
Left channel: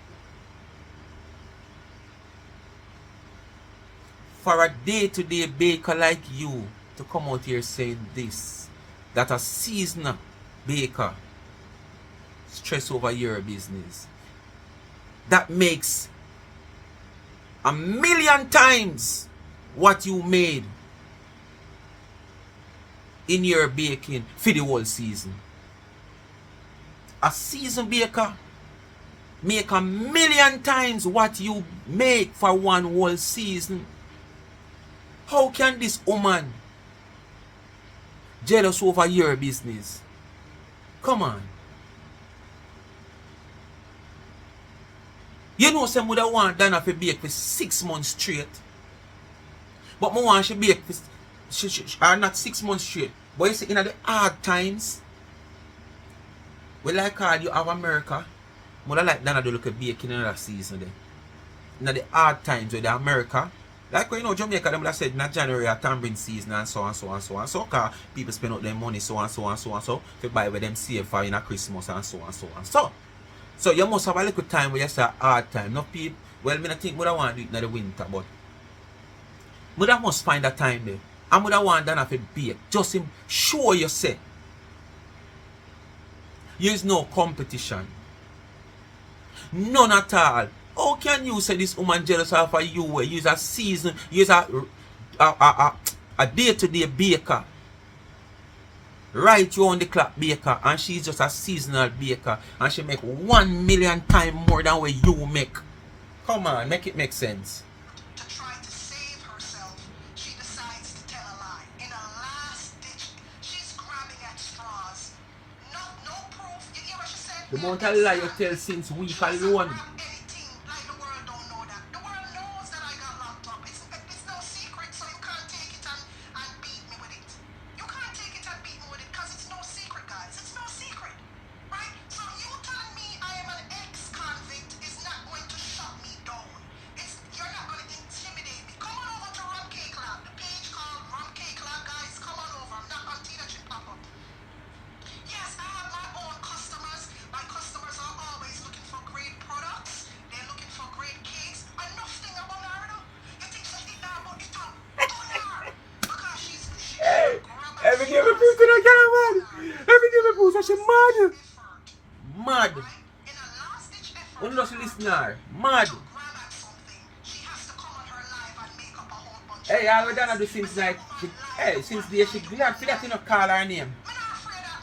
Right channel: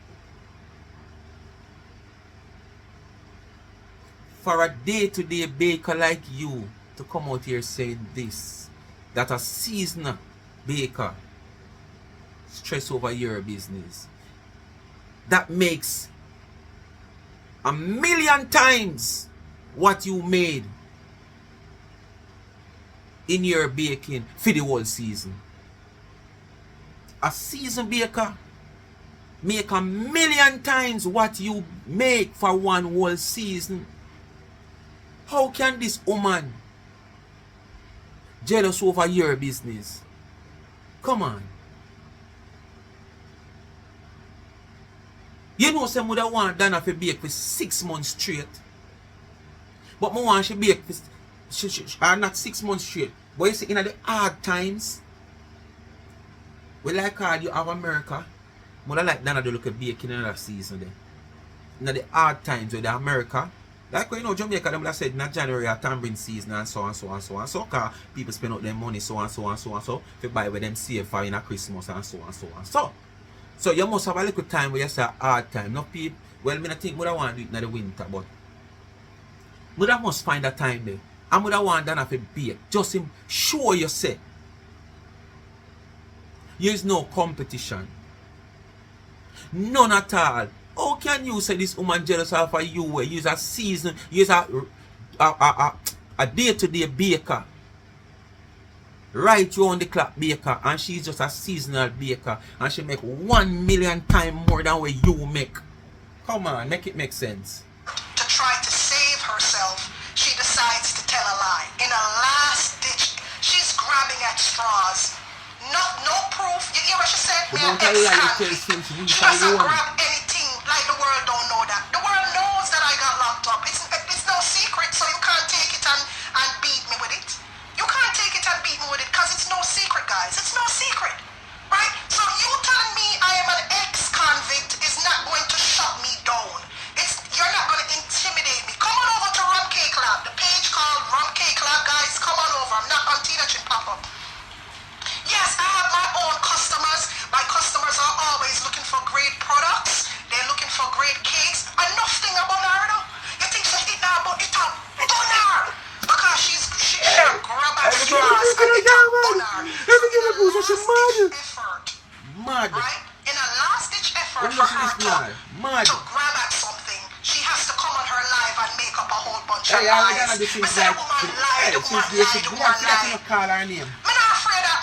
For a day-to-day baker like you to come out here saying this, that a seasonal baker stress over your business, that makes a million times what you made in your baking for the whole season. A season baker make a million times what you make for one whole season. How can this woman jealous over your business? Come on. You know some would have want Dana to bake for 6 months straight. But I want she bake for not 6 months straight. But you see, in the hard times, we like how you have America, I like Dana to look at baking in that season then. In the hard times with the America, like when you know Jamaica, them would have said in January a tambourine season and so and so and so and so, because people spend out their money so and so and so and so to buy with them save for in a Christmas and so and so and so. So you must have a little time where you say hard time. No people, well, I don't think I want to do it in the winter, but I must find a time there. I want Dana to bake. Just him show you say there is no competition. None at all. How can you say this woman jealous of you? Use a season, use a day-to-day baker. Right round the clock baker, and she's just a seasonal baker, and she make 1 million times more than what you make. Come on, make it make sense. To try to save herself, she decides to tell a lie. In a last ditch, she's grabbing at straws. No proof. You hear what she said? The amount of lie you tell since we She find doesn't one. grab anything like the world don't know that. The world knows that I got locked up. It's no secret, so you can't take it and beat me with it. You can't take it and beat me with it because it's no secret, guys. It's no secret. Right? So you telling me I am an ex-convict is not going to shut me down. You're not going to intimidate me. Come on over to Rum Cake Lab. The page called Rum Cake Lab, guys. Come on over. I'm not on Tina Chin Papa. Yes, I have my own customers. My customers are always looking for great products. They're looking for great cakes. Enough thing about her, though. You think she's eating her, but it's a bunner. Because she grab her Every girl is gonna die, man. Every girl is mad. Mad. Right? In a last-ditch effort When for does her this lie? Mad. to grab at something, she has to come on her live and make up a whole bunch Hey, of I lies. done this Me since say like, the woman lie, hey, the since woman the lie, the we woman have to lie. not call her name. Me not afraid of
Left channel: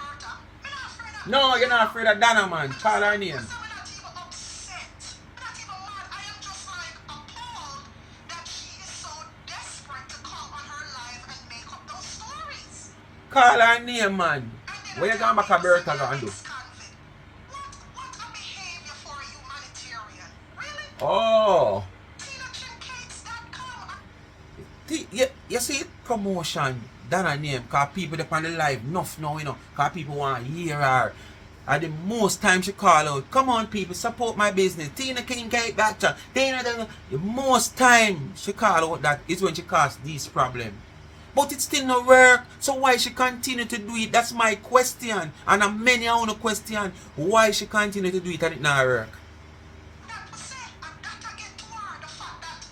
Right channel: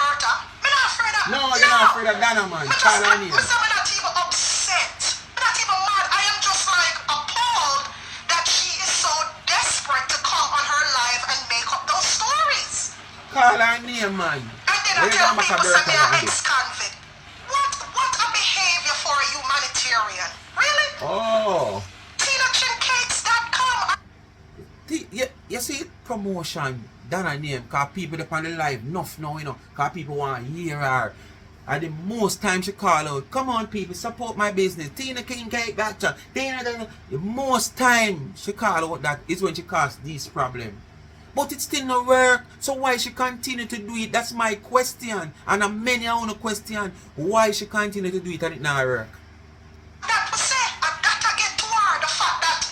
Bertha. Me not afraid of. No, you're not afraid of Dana, man. Call her name. Me not even upset. Me not even mad. I am just like appalled that she is so desperate to come on her live and make up those stories. Call her name, man. And then Where I you tell going back a people say Bertha they're and do? ex-convict. What a behavior for a humanitarian. Really? Oh. TinaChinCakes.com. You see promotion, Dana name, because people up on the live enough now, you know, because people want to hear her. And the most time she call out, come on people, support my business. Tina King Cake Doctor. The most time she call out that is when she cause this problem. But it still not work. So why she continue to do it? That's my question. And a many I want to question why she continue to do it and it not work. That was it. I gotta get to her. The fact that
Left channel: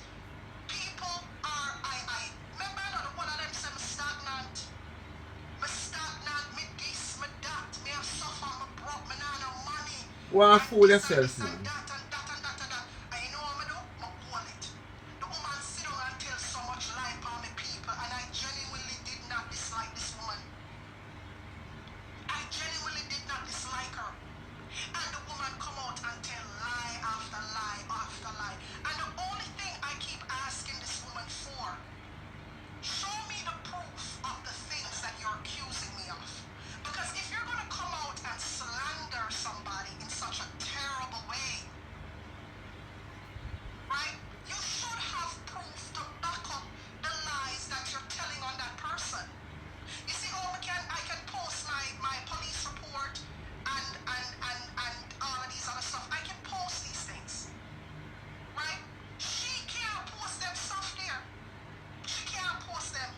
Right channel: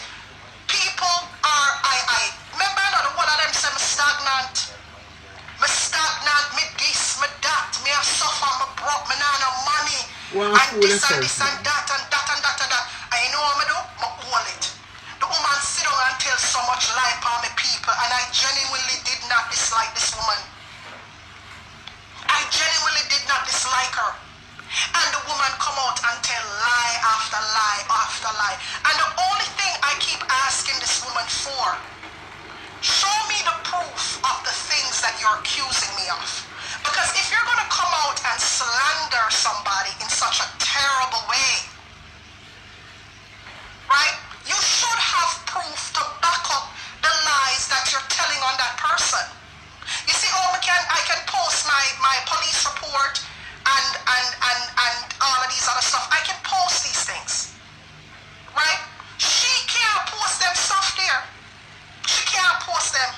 people are, I remember another one of them say me stagnant. Me stagnant, me this, me that, me a suffer, me broke, me not no money. Well, and fool this yourself and this and now. that and that and that and that. I know what me do? Me hold it. The woman sit down and tell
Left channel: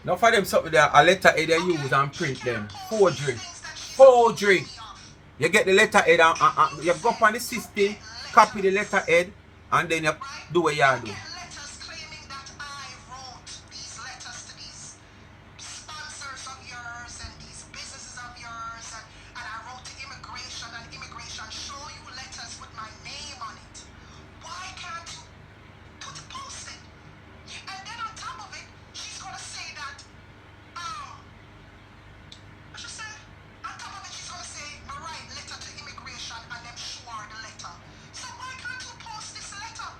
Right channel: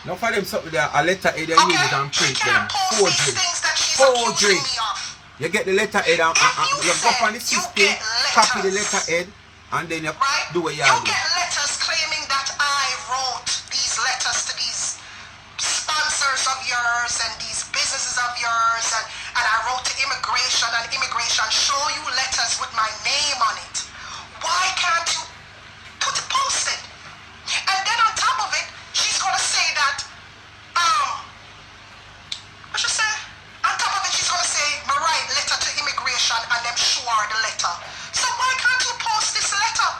Now for them something there, a letter head you use and She print them. can't post these Forgery. things that she's Forgery. accusing me of. You get the letter head and If you go up on the say you system, get copy the letters, letter head, and then you right? do what you You do. get letters claiming that I wrote these letters to these sponsors of yours and these businesses of yours, and I wrote to immigration, and immigration show you letters with my name on it. Why can't you post it? And then on top of it, she's gonna say that, what she say? On top of it, she's gonna say, my right letter to immigration, and them show her the letter. So why can't you post this letter?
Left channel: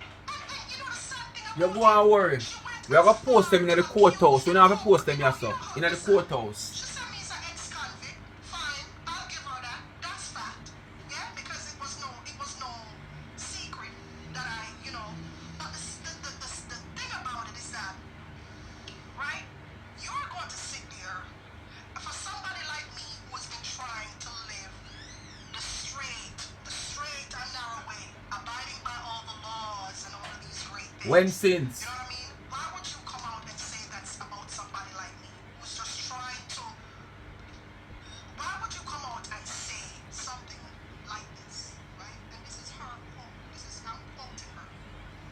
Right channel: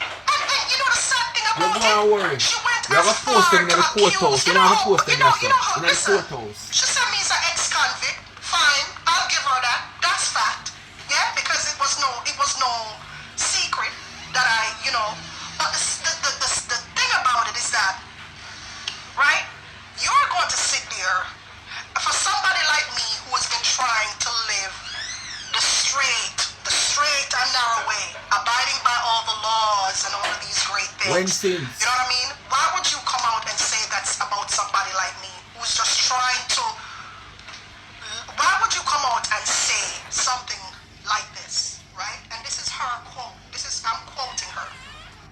And you know the sad thing You about go and worry. she went You have as to post far them in the to courthouse. accuse, You don't have to post them you know yourself. how, In the listen, courthouse. she said me is an ex-convict. Fine, I'll give her that. That's fact. Yeah, because it was no secret that I, you know. But the thing about it is that, right? You're going to sit there for somebody like me who has been trying to live the straight and narrow way, abiding by all the laws and all of these great things. When sins. You know what I mean? Why would you come out and say that's about somebody like me who's just trying to? Why would you come out and say something like this, right? And this is her quote. I'm quoting her,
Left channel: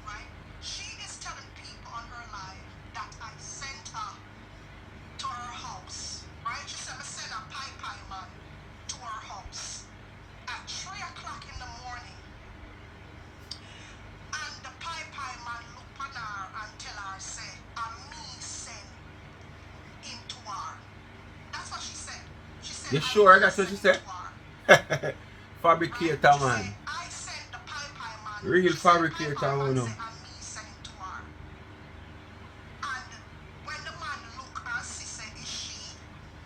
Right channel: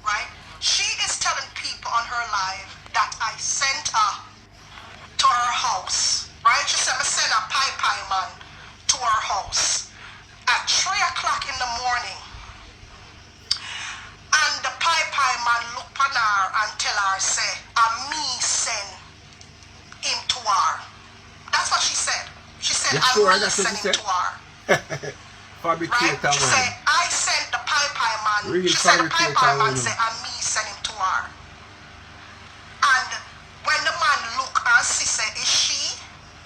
right? She is telling people on her live that I sent her to her house, right? She said I sent a pie man to her house at 3 o'clock in the morning. And the pie man look on her and tell her, say, me send him to her. That's what she said. She said, You sure me that's what send she him said? to her. Fabricator Right? She man. said, I sent the pie man. Real She said the fabricator pie man man. said, me send him to her. And when the man look and see, say, is she?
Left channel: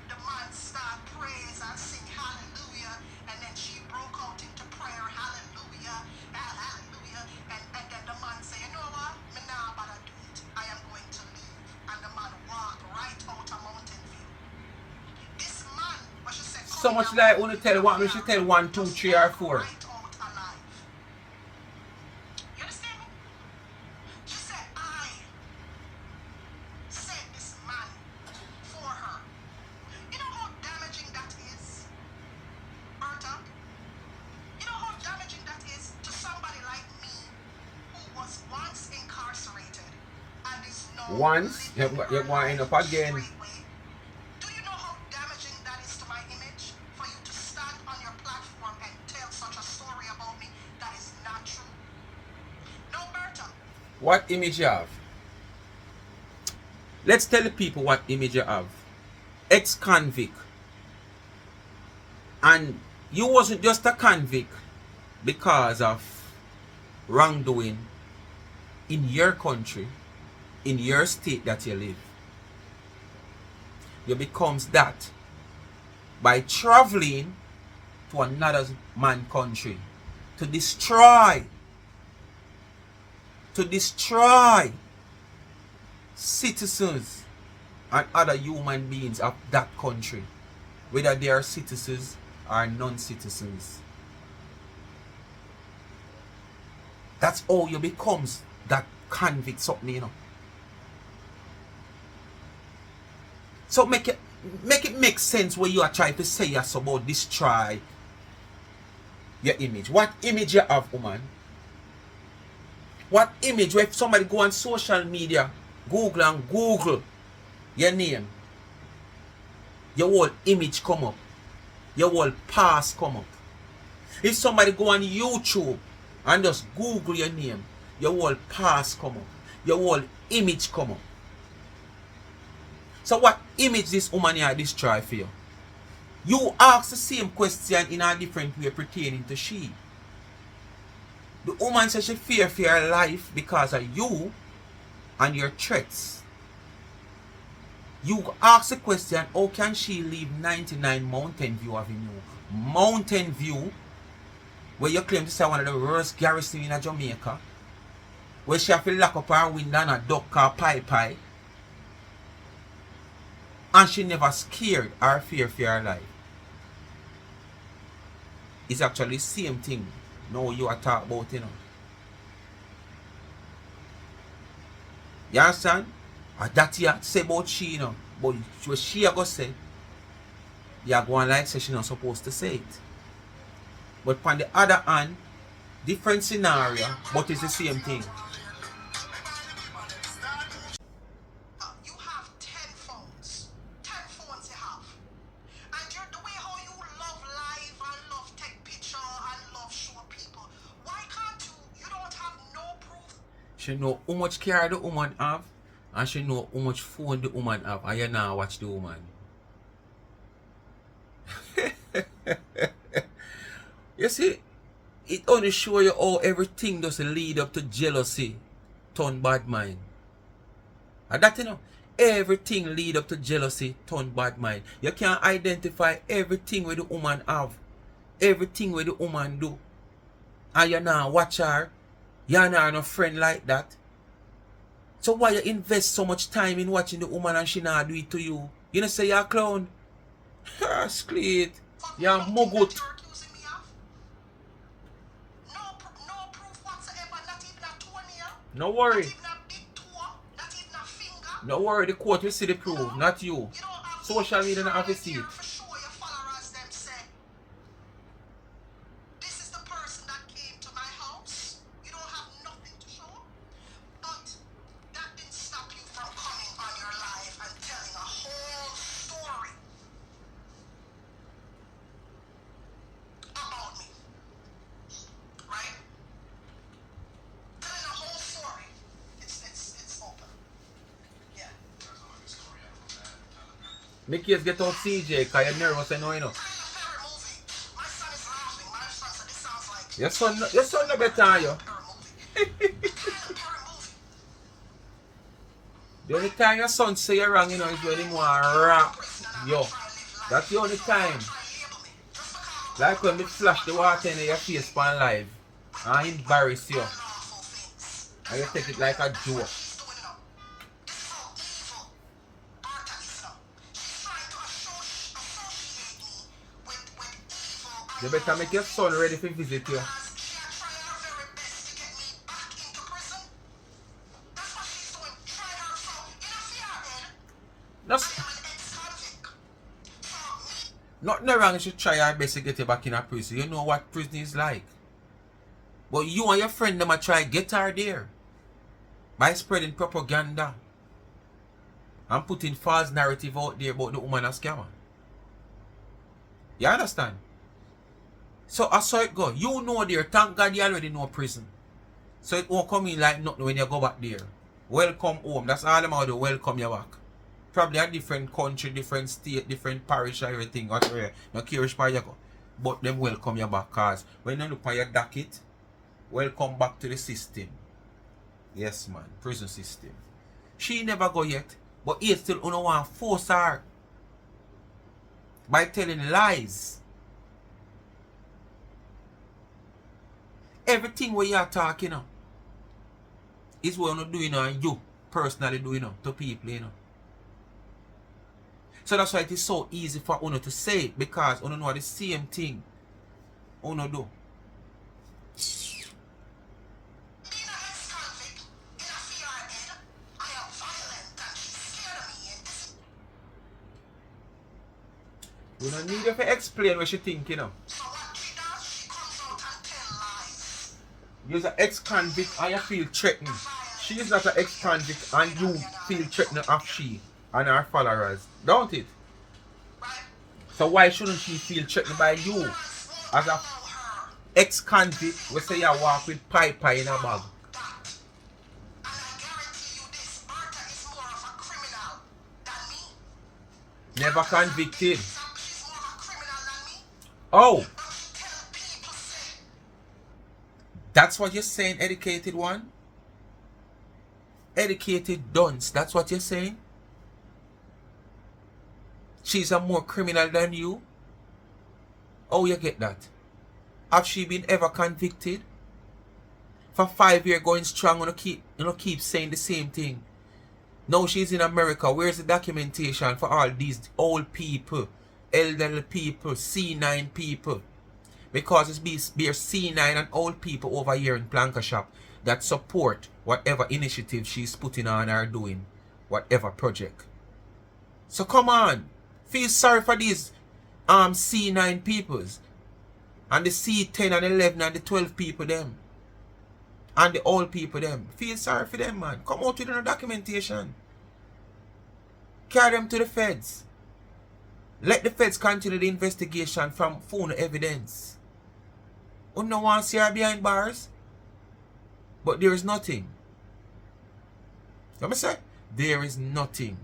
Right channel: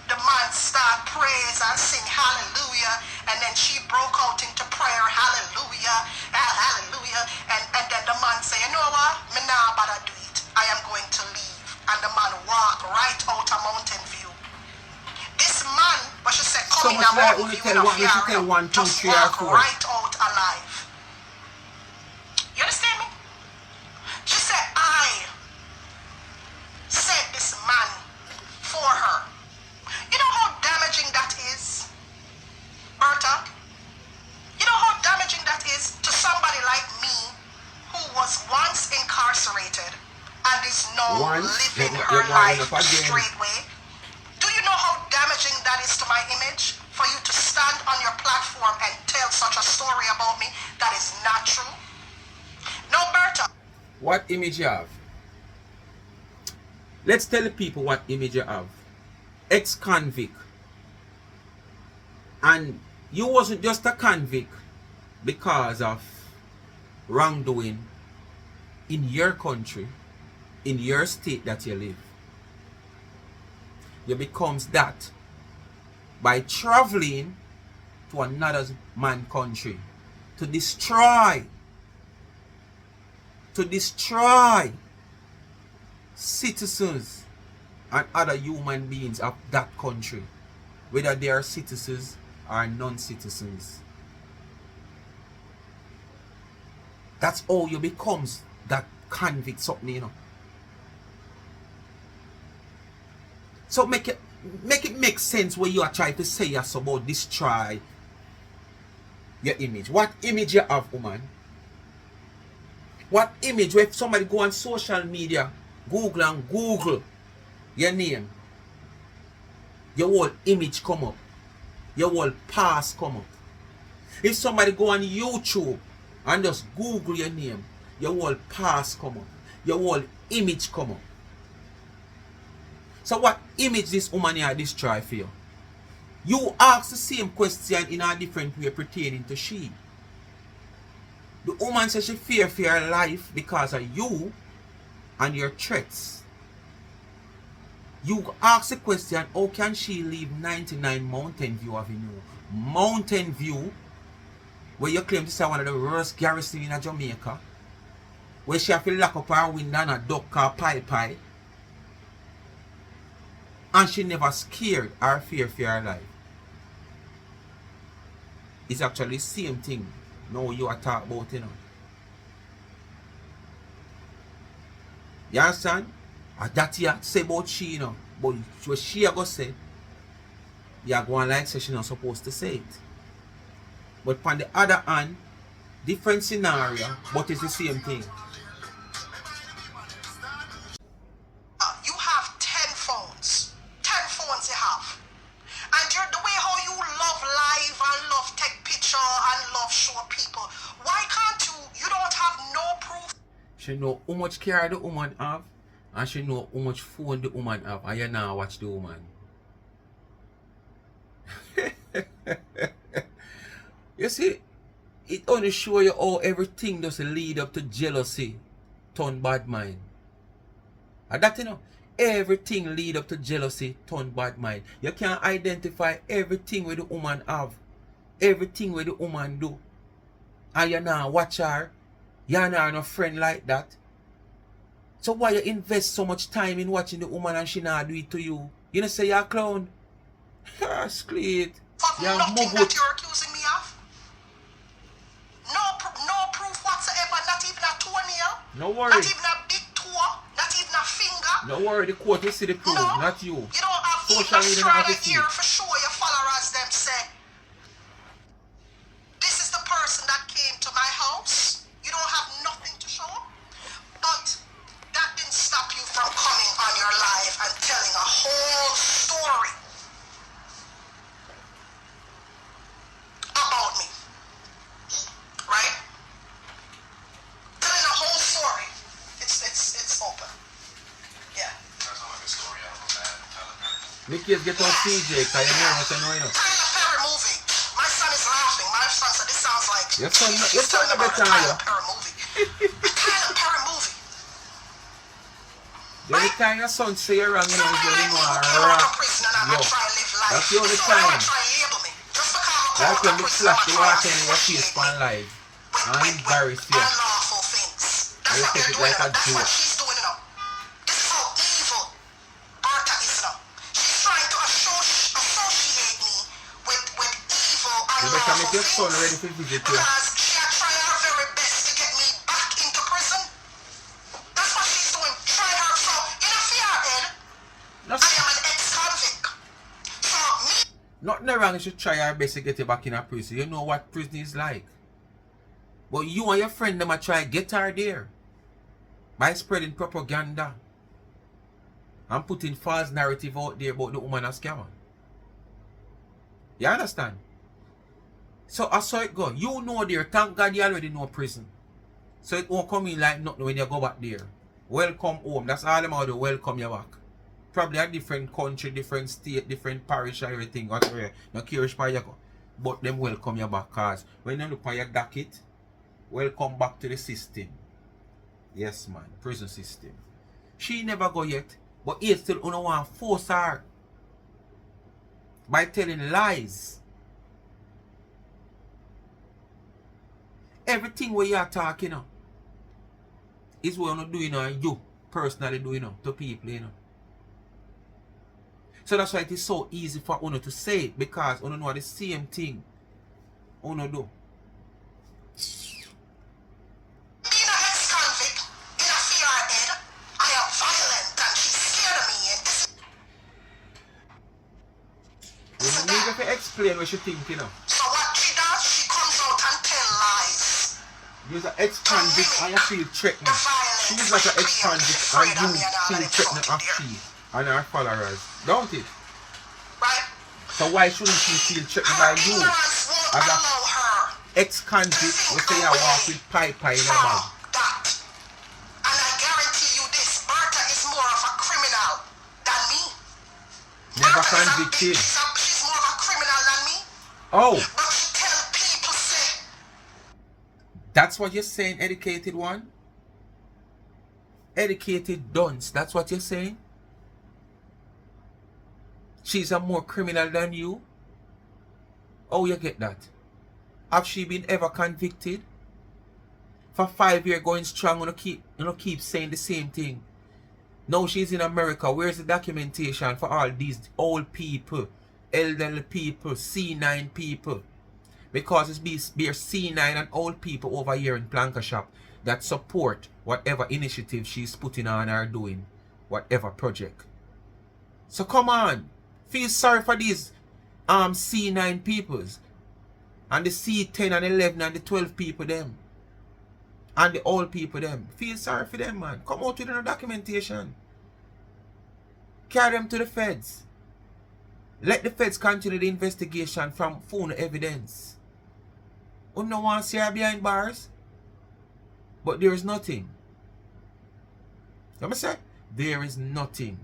The man start praise and sing hallelujah, and then she broke out into prayer, hallelujah, hallelujah, and then the man say, you know what, me nah bother do it, I am going to leave, and the man walk right out of Mountain View. This man, but she said, So come in much a like Mountain when you View tell in a one, we should tell 1, 2, just 3 or walk 4. right out alive. You understand me? She said, I sent this man for her. You know how damaging that is, Berta? You know how damaging that is to somebody like me who was once incarcerated and is now Once, living you're her going life up the again. straight way? Do you know how damaging that is to my image? For you to stand on your platform and tell such a story about me that is not true? No, Berta. What image you have? Let's tell the people what image you have. Ex-convict. And you wasn't just a convict because of wrongdoing in your country, in your state that you live. You becomes that by traveling to another man's country to destroy citizens and other human beings of that country, whether they are citizens or non-citizens. That's how you becomes that convict something, you know. So make it make sense what you are trying to say us about destroy your image. What image you have, woman? What image where if somebody go on social media, Google your name, your whole image come up, your whole past come up. If somebody go on YouTube and just Google your name, your whole past come up, your whole image come up. So what image this woman here destroy for you? You ask the same question in a different way pertaining to she. The woman says she fear for her life because of you and your threats. You ask the question, how can she leave 99 Mountain View Avenue? Mountain View, where you claim to say one of the worst garrison in Jamaica, where she have to lock up her window and a duck her pie, and she never scared or fear for her life. It's actually the same thing now you are talking about, you know. You understand? That you say about she, you know. But what she a go say, you go on like say she not supposed to say it. But on the other hand, different scenario, but it's the same thing. You have 10 phones. 10 phones you have. And you're the way how you love live and love take picture and love show people. Why can't you? You don't have no proof. She know how much care the woman have, and she know how much phone the woman have, and you now watch the woman. You see, it only show you how everything does lead up to jealousy, turn bad mind. And that, you know, everything lead up to jealousy, turn bad mind. You can identify everything where the woman have, everything where the woman do, and you now watch her. You're not a friend like that. So why you invest so much time in watching the woman and she not do it to you? You know say you're a clown. Skleet. You're Nothing mugut. that you're accusing me of. No proof whatsoever. Not even a toenail. No worry. Not even a big toe. Not even a finger. No worry, the court will see the proof, No. not you. You don't have Social even media a don't have to strand see here it. for sure your followers them say. This is the person that came to my house. You don't have nothing to show. But that didn't stop you from coming on your live and telling a whole story about me. Right? Telling a whole story. It's open. Yeah. Mickey's get on CJ, cause you're nervous and you know. Tyler Perry movie. My son is laughing. My son said this sounds like Your son no about better a than you. Tyler Perry movie. A Tyler Perry movie. The only time your son say you're wrong, you know, is when you want to rap. Yo, that's the only time. Like when they flash the water in your face on live and embarrass you. And you take it like a joke. You better make your son ready to visit you. She had tried her very best to get me back into prison. That's what she's doing. Try her. So, in a fear head, No, I am an ex-convict. So, me nothing wrong, you should try your best to get you back in a prison. You know what prison is like. But you and your friend them a try get her there by spreading propaganda and putting false narrative out there about the woman as scammer. You understand? So I saw it go. You know there, thank God you already know prison. So it won't come in like nothing when you go back there. Welcome home. That's all them how they welcome you back. Probably a different country, different state, different parish, everything. Whatever. No care which part you go. But them welcome you back. Cause when you look on your docket, welcome back to the system. Yes man, prison system. She never go yet. But he still don't want to force her by telling lies. Everything what you are talking of is what you're doing and you personally doing to people, you know. So that's why it is so easy for Uno to say it, because Uno know the same thing Uno do. being an ex-convict, in a fear head, I am violent and she's scared of me. And this is You don't need to explain what you think, you know. so what she does, she comes out and tell lies. You're an ex-convict and you feel threatened. She is like an ex-convict and you feel threatened of she and her followers. Don't it? Right? So why shouldn't she feel threatened by you? Ignorance won't As a allow her ex-convict, we say you walk with piper in a bag. that. And I guarantee you this, Bertha is more of a criminal than me. Never Bertha is a convicted. bitch. She's more of a criminal than me. Oh, But she tell people say, that's what you're saying, educated one? Educated dunce, that's what you're saying? She's a more criminal than you? Oh, you get that? Have she been ever convicted? For 5 years going strong, keep saying the same thing. Now she's in America. Where's the documentation for all these old people, elderly people, C9 people? Because it's bare C9 and old people over here in Planka Shop that support whatever initiative she's putting on or doing whatever project. So come on. Feel sorry for these C9 peoples. And the C10 and 11 and the 12 people them. And the old people them. Feel sorry for them, man. Come out with no documentation. Carry them to the feds. Let the feds continue the investigation from phone evidence. You no want to see her behind bars? But there is nothing. Let me say, there is nothing.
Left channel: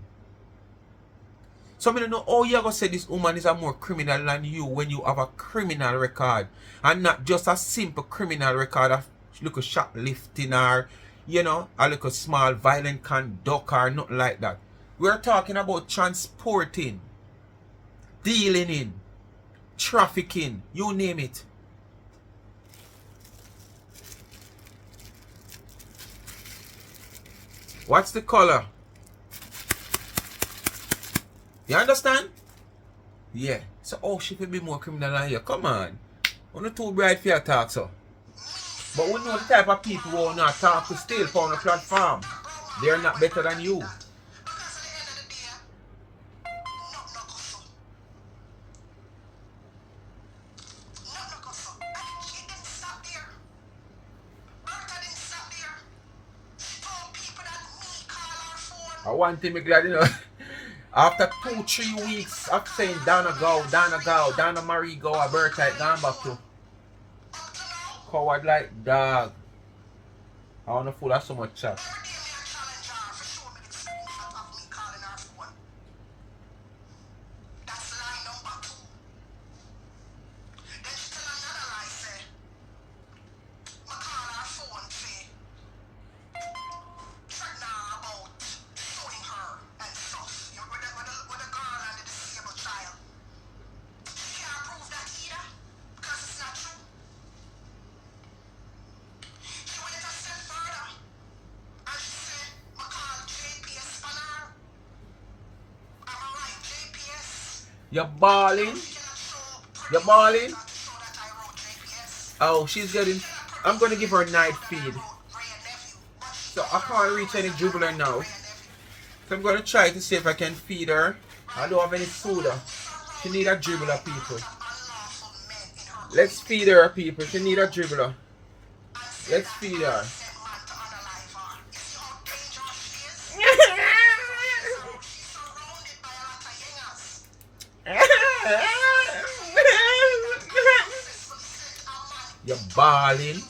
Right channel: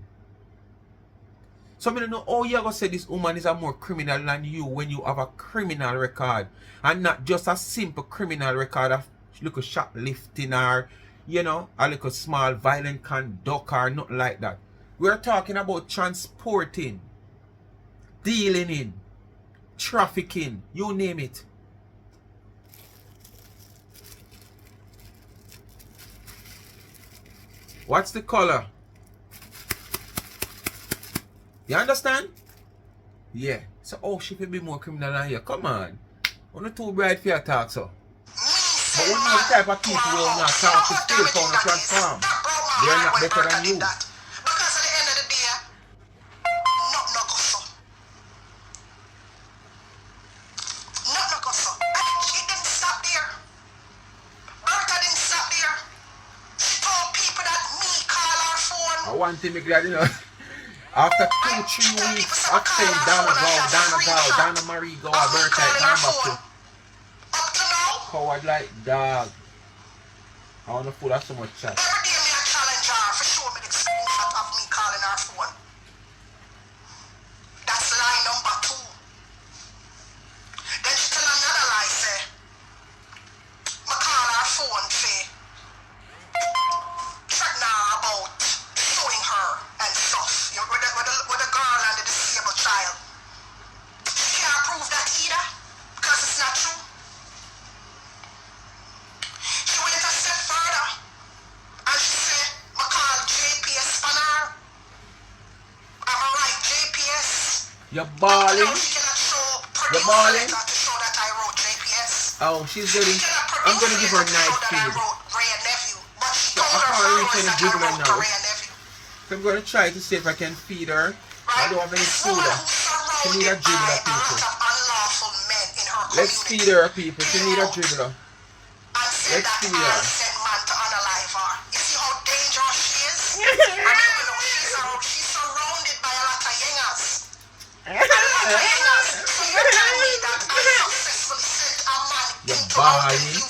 So I don't know how you're going to say this woman is a more criminal than you when you have a criminal record. And not just a simple criminal record of little shoplifting or, you know, a little small violent conduct or nothing like that. We're talking about transporting, dealing in, trafficking, you name it. What's the color? You understand? Yeah. So oh, she could be more criminal than you. Come on. We're not too bright for your talk, so. But we know the type of people who are not talk to still on the platform. They're not better than you. Because at the end of the day, nothing no go so. Nothing no go so. And she didn't stop there. Bertha didn't stop there. She told people that me call her phone. I want to be glad, you know. After 2-3 weeks of saying Donna Marie go, Bertha gone back to Up to now, coward like dog. I want to pull out so much chat. every day me a challenge her for show me the screenshot of me calling her phone. That's lie number 2. Then she tell another lie, say, me call her phone, say, threaten her about suing her and stuff. You know, with the girl and the disabled child. She can't prove that either, because it's not true. She went a step further, and she said, me call JPS on her. I'm a right JPS. You're balling. She cannot show You're balling? to show that I wrote JPS. Oh, she's getting. I'm going to give her a night feed. So I can't reach any dribbler now. So I'm going to try to see if I can feed her. I don't have any food. She need a dribbler, people. Let's feed her, people. She need a dribbler. Let's feed her. You see how dangerous she is? She's surrounded by a lot of yengers. You're balling.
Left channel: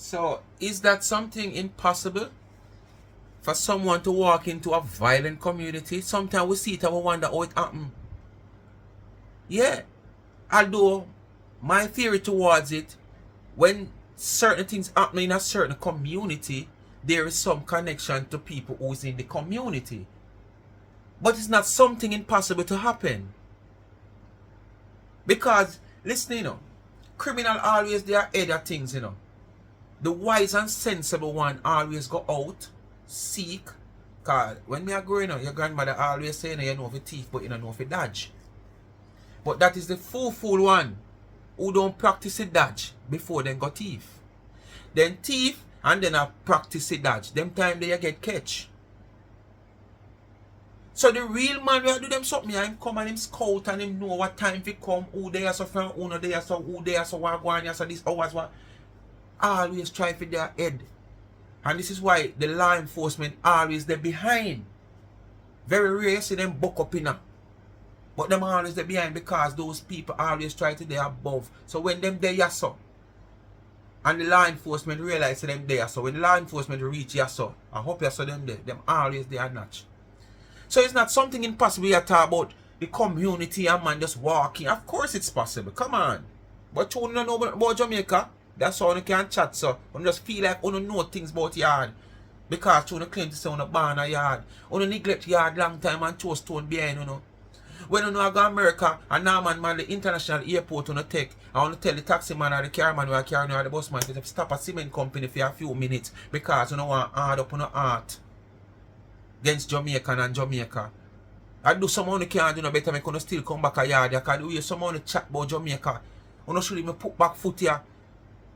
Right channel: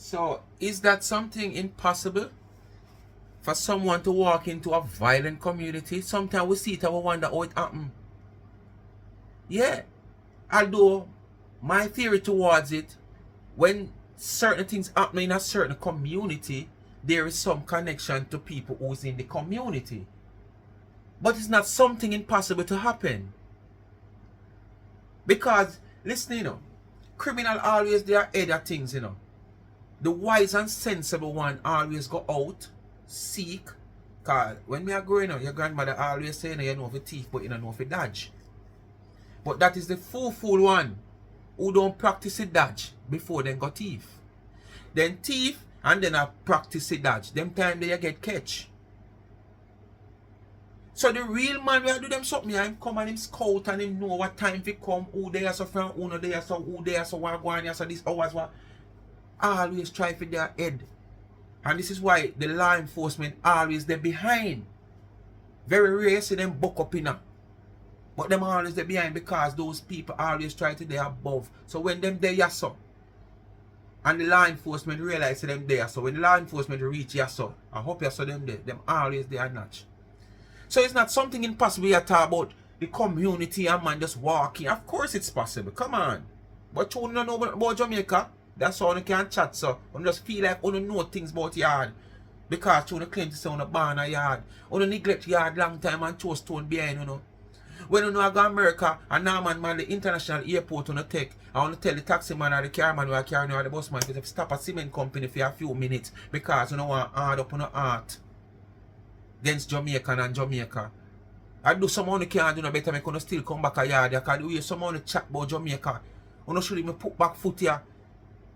So, is that something impossible? For someone to walk into a violent community? Sometimes we see it and we wonder how it happened. Yeah. Although, my theory towards it, when certain things happen in a certain community, there is some connection to people who's in the community. But it's not something impossible to happen. Because, listen, you know, criminal always they are other things, you know. The wise and sensible one always go out, seek. Cause when me are growing up, your grandmother always say, you know if you thief, but you don't know if you dodge. But that is the fool one who don't practice a dodge before then go thief. Then thief and then I practice a dodge. Them time they get catch. So the real man will do them something, him come and him scout and him know what time he come, who they are so from, who no they are so, who they are so what go on, so this hours what. Always try for their head. And this is why the law enforcement always they're behind. Very rare you see them buck up in now. But them always they're behind because those people always try to they above. So when them there so and the law enforcement realize them there so when the law enforcement reach so I hope you saw them there. Them always they are notch. So it's not something impossible you talk about the community and man just walking. Of course it's possible. Come on. But you don't know about Jamaica. That's how you can chat, so you just feel like you don't know things about yard. Because you claim to say you born a yard. You neglect yard long time and throw stone behind, you know. When you know I go to America, and now man, the international airport on the take, I want to tell the taxi man or the car man who are carrying or the bus man to stop a cement company for a few minutes because you don't want hard up on the heart against Jamaican and Jamaica. I do someone who can't do no better, I can still come back a yard. I can do you someone who chat about Jamaica. You know, should me put back foot here.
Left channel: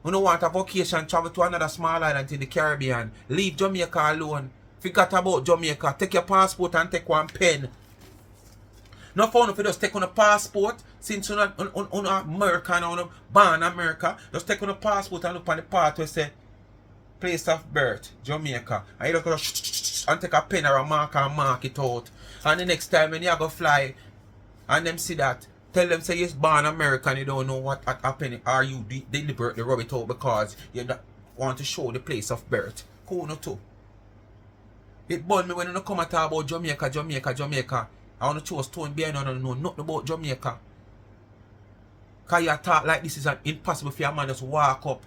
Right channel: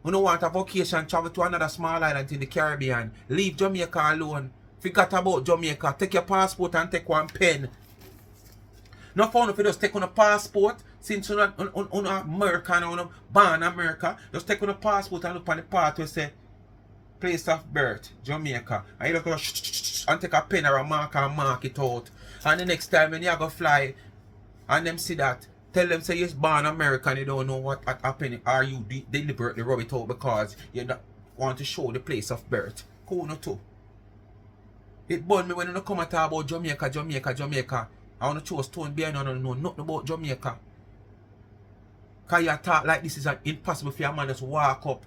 You don't want a vacation, travel to another small island in the Caribbean. Leave Jamaica alone. Forget about Jamaica. Take your passport and take one pen. Not for if you just take on a passport, since you're not on American or born America, just take on a passport and look on the part where say place of birth, Jamaica. And you just and take a pen or a marker and mark it out. And the next time when you go fly and them see that, tell them say you're born American, you don't know what happened, or you deliberately rub it out because you don't want to show the place of birth. Cool no too. It burned me when you come and talk about Jamaica, Jamaica, Jamaica. I want to choose stone behind and I don't know nothing about Jamaica. Because you talk like this is impossible for a man just walk up.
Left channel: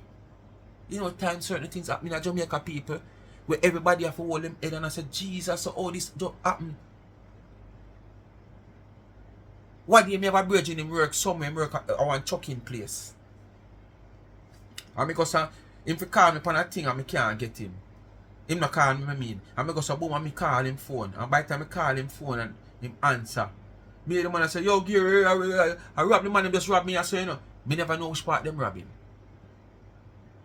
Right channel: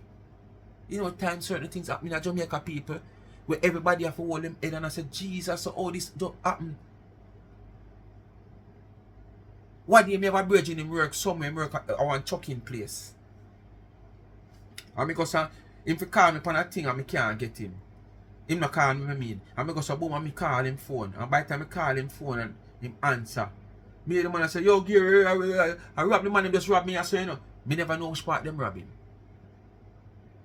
You know, times certain things happen in Jamaica, people, where everybody have to hold them head and I say, Jesus, so all this don't happen. What do you have a virgin in work somewhere in work at one chucking place? And because if he call me upon a thing and I can't get him. Him not call me, I mean. And I go so boom and I call him phone. And by the time I call him phone and him answer. Me the man I say, yo Gary, I rob the man, him just rob me. I say, you know, me never know which part them rob him.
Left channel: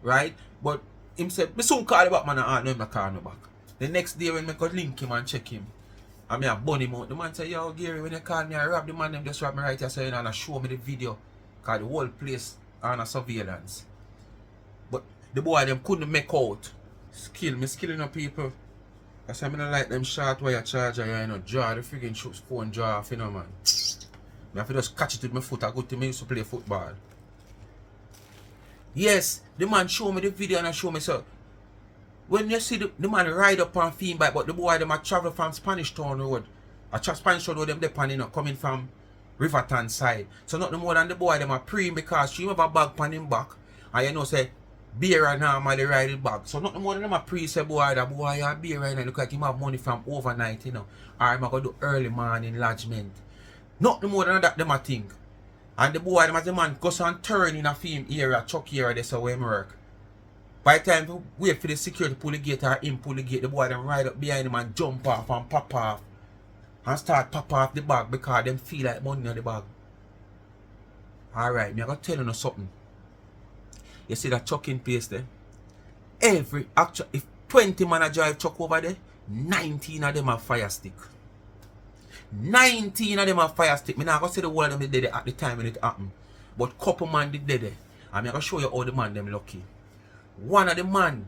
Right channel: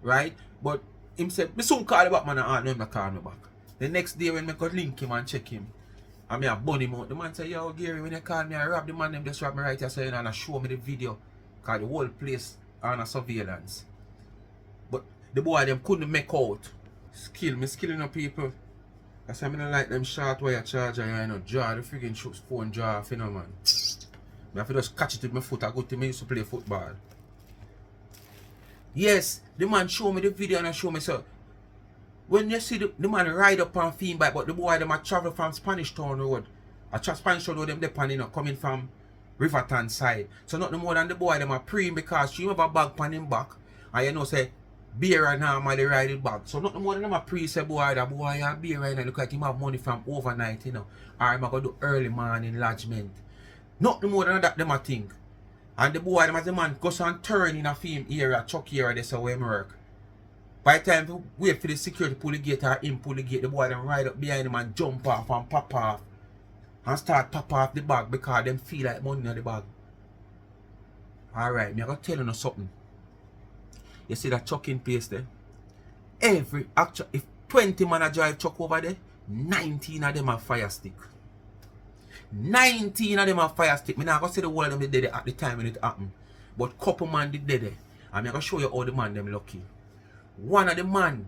Right? But him said, me soon call the back man and no him not call me back. The next day when I go link him and check him, and I bun him out, the man say, yo Gary, when you call me, I rob the man, them just rob me right here, so you know, and show me the video. Cause the whole place on a surveillance. But the boy them couldn't make out. Me skilling up people. I say I don't like them short wire charger, you know, draw the friggin' phone draw off, you know, man. I have to just catch it with my foot. I go to me used to play football. Yes, the man show me the video and I show me so. When you see the man ride up on theme bike, but the boy them a travel from Spanish Town Road. Spanish Town Road them depend, you know, coming from Riverton side. So not no more than the boy them a pre because she have a bag on him back. And you know say beer and normally ride it back. So nothing more than them a pre say boy that boy a beer right now look like him have money from overnight, you know. Or I'm gonna do early morning lodgement. Nothing more than that them a think. And the boy them as the man goes and turn in a film area, truck area, that's how him work. By the time we wait for the security pull the gate or him pull the gate, the boy them ride up behind him and jump off and pop off. And start pop off the bag because them feel like money in the bag. Alright, me I gotta tell you something. You see that trucking place there? Every actual, if 20 man a drive truck over there, 19 of them are fire stick. 19 of them are fire stick. Me not gonna say the whole of them did it at the time when it happened. But couple man did it. And I'm gonna show you how the man them lucky. One of the man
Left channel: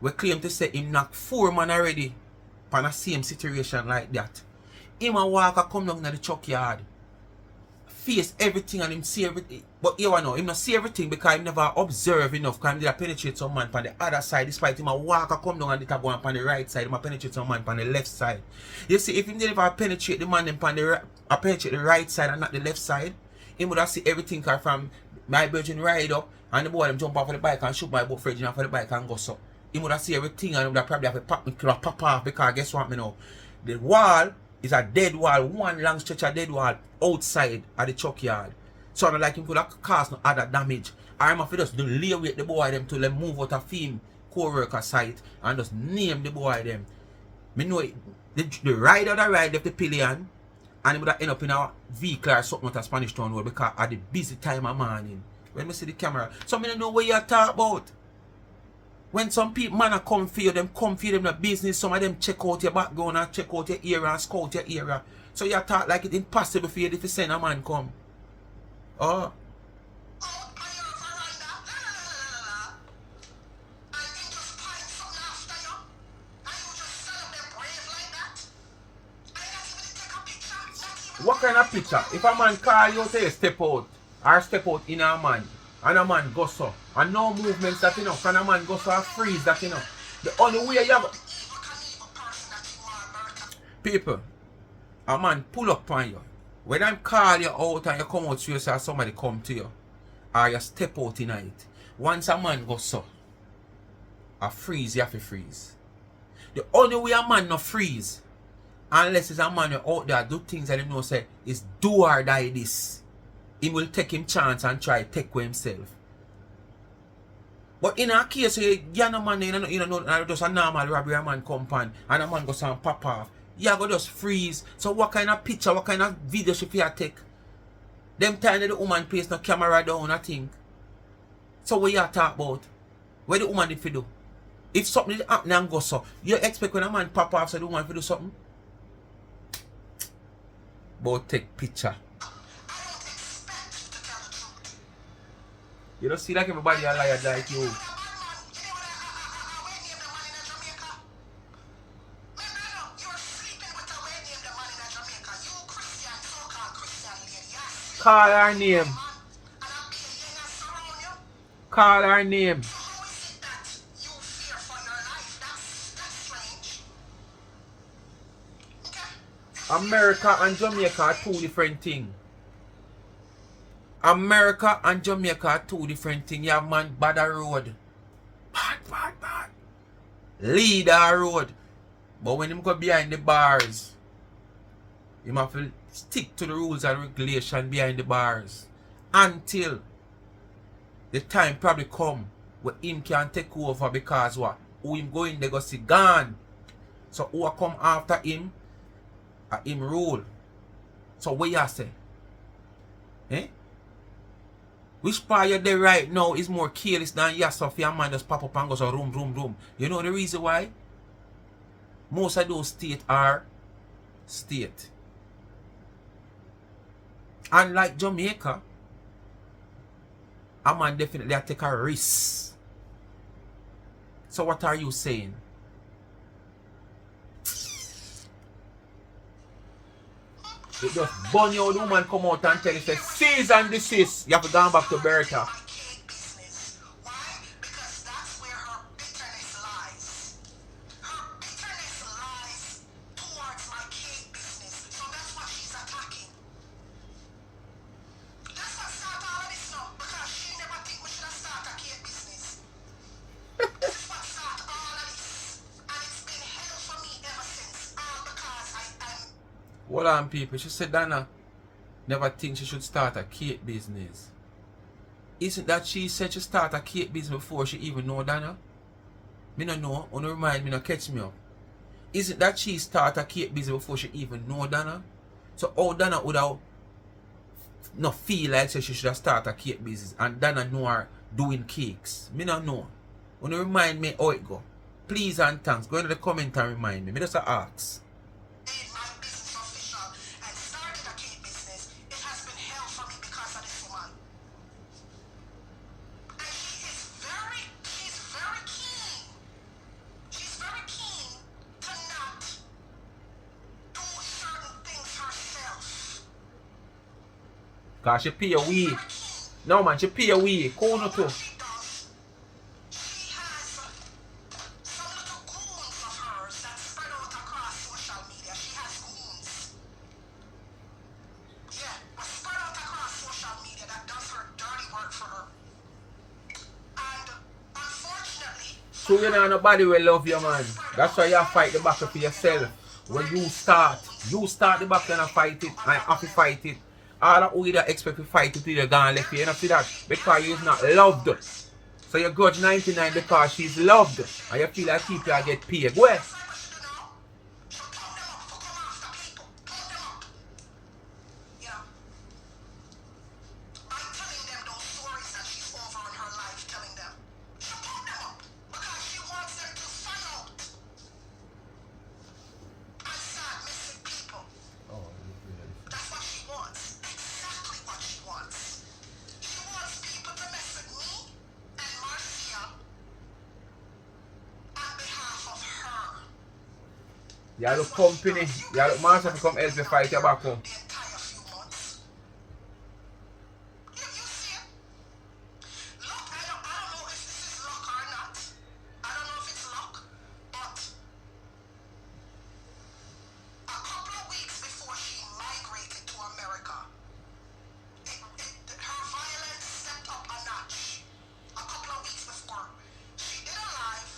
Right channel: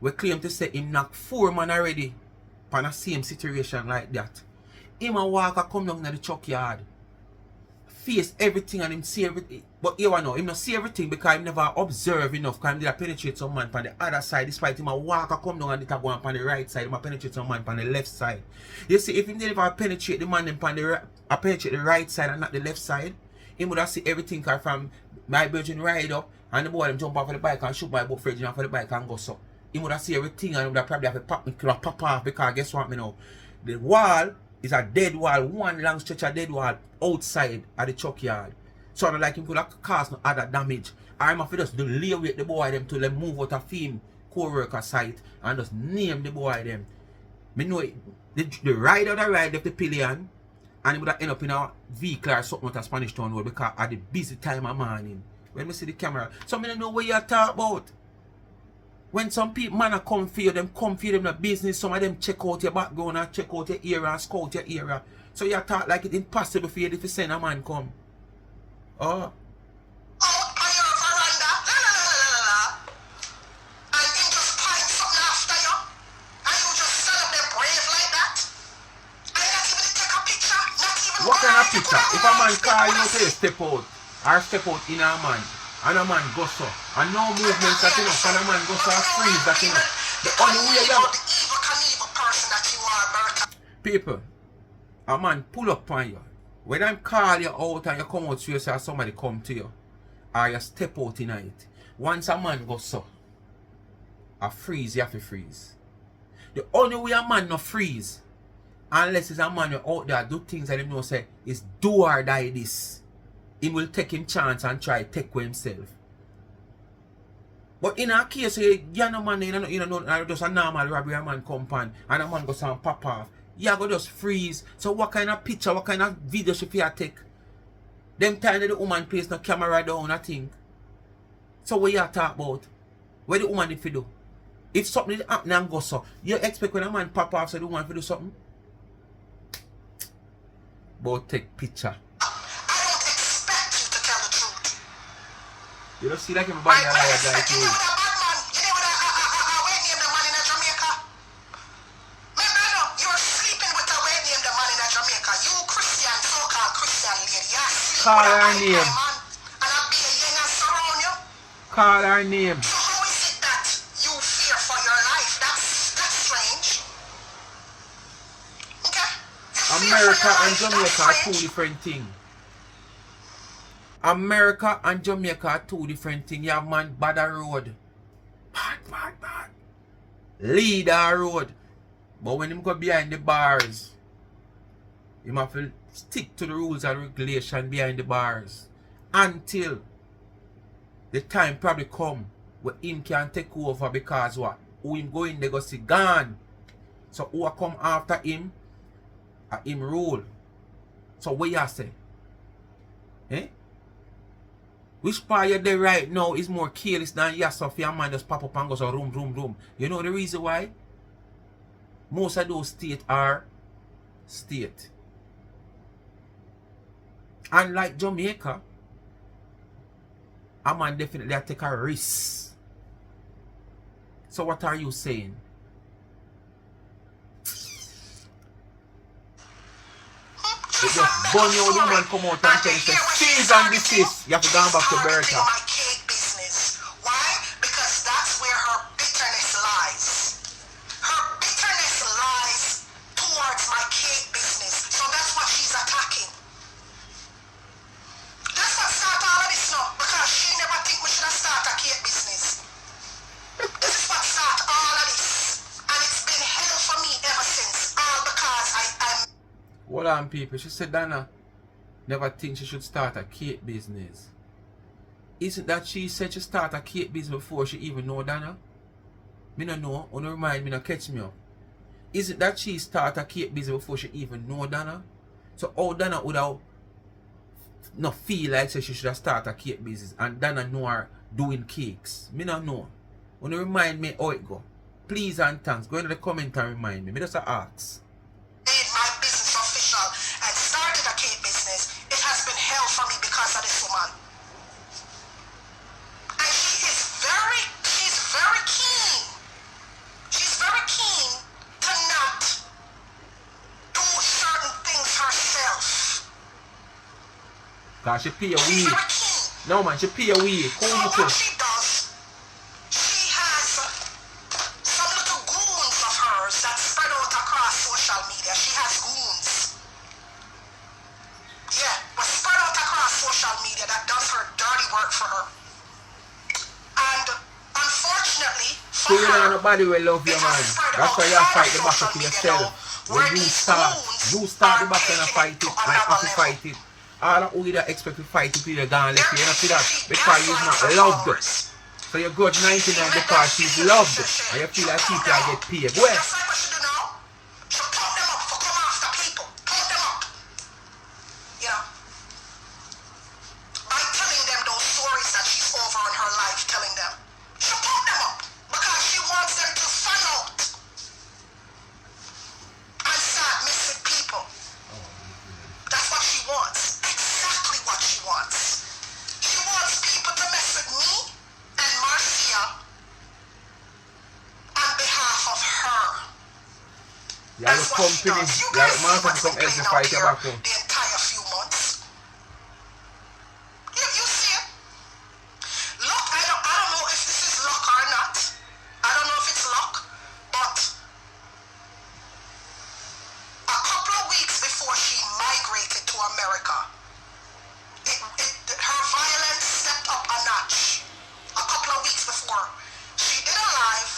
we claim to say him knock 4 man already on the same situation like that. Him a walk a come down to the truck yard. Face everything and him see everything. But you know, him not see everything because he never observe enough. Because him did penetrate some man on the other side. Despite him a walk a come down and it a go on the right side. Him a penetrate some man on the left side. You see, if him did never penetrate the man on the penetrate the right side and not the left side, he would have see everything from my virgin ride up and the boy them jump off of the bike and shoot my boat fridge off of the bike and go so. He would have see everything and he would have probably have to pop off because guess what me know? The wall is a dead wall, one long stretch of dead wall outside at the truck yard. So I like him could have caused no other damage. I'm afraid just to lay with the boy them to them move out of film co-worker site and just name the boy them. Me know it, the rider that ride left the pillion and he would have end up in a vehicle or something at a Spanish Town Road because at the busy time of morning. When we see the camera. So I don't know what you talk about. When some people man come for you, them come for you, them the business, some of them check out your background and check out your area and scout your area. So you talk like it's impossible for you if you send a man come. Oh. Out on your veranda, and him just find something after you, and you just stand up there brave like that, and you not even take a picture, not even. What kind of picture? If a man call you say step out, or step out in a man, and a man goes so, and no movements that you know, and a man goes so freeze that you know. The only way you have Evil Knievel person that you are, Bertha. people, a man pull up on you. When I call you out and you come out to you say somebody come to you, or you step out in it. Once a man goes so, a freeze, you have to freeze. The only way a man no freeze, Unless it's a man out there do things that him know say is do or die this. He will take him chance and try take with himself. But in a case you no man just a normal robbery a man come pan and a man go some pop off. You go just freeze. So what kind of picture, what kind of video should you take? Them time the woman place no camera down, I think. So what you talk about? What the woman if you do? If something happen and go so, you expect when a man pop off so the woman if you do something? But take picture. I don't expect you to tell the truth. You don't see like everybody a liar like you. You know that way name the man in Jamaica? Remember now, you're sleeping with a way name the man in Jamaica. You Christian, so-called Christian lady. You're Call sleeping her with name. man. And I'll be a young and surround you. Call her name. So how is it that you fear for your life? That's strange. Okay? You fear America for your and life, Jamaica that's are two strange. different things. America and Jamaica are two different things. You have man bad a road. Bad. Lead a road. But when him go behind the bars, him have to stick to the rules and regulation behind the bars. Until the time probably come where him can take over because what? Who him going they go see gone. So who come after him? Him rule. So what you say? Eh? Which part you're there right now is more careless than yourself? Your man just pop up and goes so room. You know the reason why? Most of those states are state. Unlike Jamaica, a man definitely take a risk. So what are you saying? It just burn you, the woman come out and tell you, say, cease and desist. You have to go back to Bertha. My cake business. Why? Because that's where her bitterness lies. Her bitterness lies towards my cake business. So that's what she's attacking. That's what started all of this now. Because she never think we should have started a cake business. This is what started all of this. And it's been hell for me ever since. All because I'm Hold on, people. She said Dana never think she should start a cake business. Isn't that she said she start a cake business before she even know Dana? Me no know. Don't remind me, no catch me up. Isn't that she start a cake business before she even know Dana? So how Dana would have not feel like say she should have started a cake business and Dana know her doing cakes? Me no know. Don't remind me how it go. Please and thanks. Go into the comment and remind me. Me just ask. made my business official and started a cake business, it has been hell for me because of this woman. And she's very keen. She's very keen to not do certain things herself. Cause she pay a She's weed. very keen. No man, she pay a weed. So Cool too. what she does, she has some little goons of hers that spread out across social media. She has goons. Yeah, but spread out across social media that does her dirty work for her. And unfortunately, So you know nobody will love you, man. That's why you fight the battle for yourself. When you start the battle and fight it, and have to fight it. All that we that expect to fight it, you're gonna left you. You know see that? Because you're not loved. So you got 99 because she's loved. And you feel like people are get paid. Well, That's like what she do now. She'll pump them up for come after people. Pump them up. You know? By telling them those stories that she's over in her life, telling them. She'll pump them up. Because she wants them to find out. And start missing people. That's what she wants. Exactly what she wants. She wants people to mess with me and Marcia on behalf of her. you have the company. You have the man to come help you fight your back home. The entire few months. You see it? Look, I don't know if this is luck or not. I don't know if it's luck, but a couple of weeks before she migrated to America, her violence stepped up a notch. A couple of weeks before, she did a live,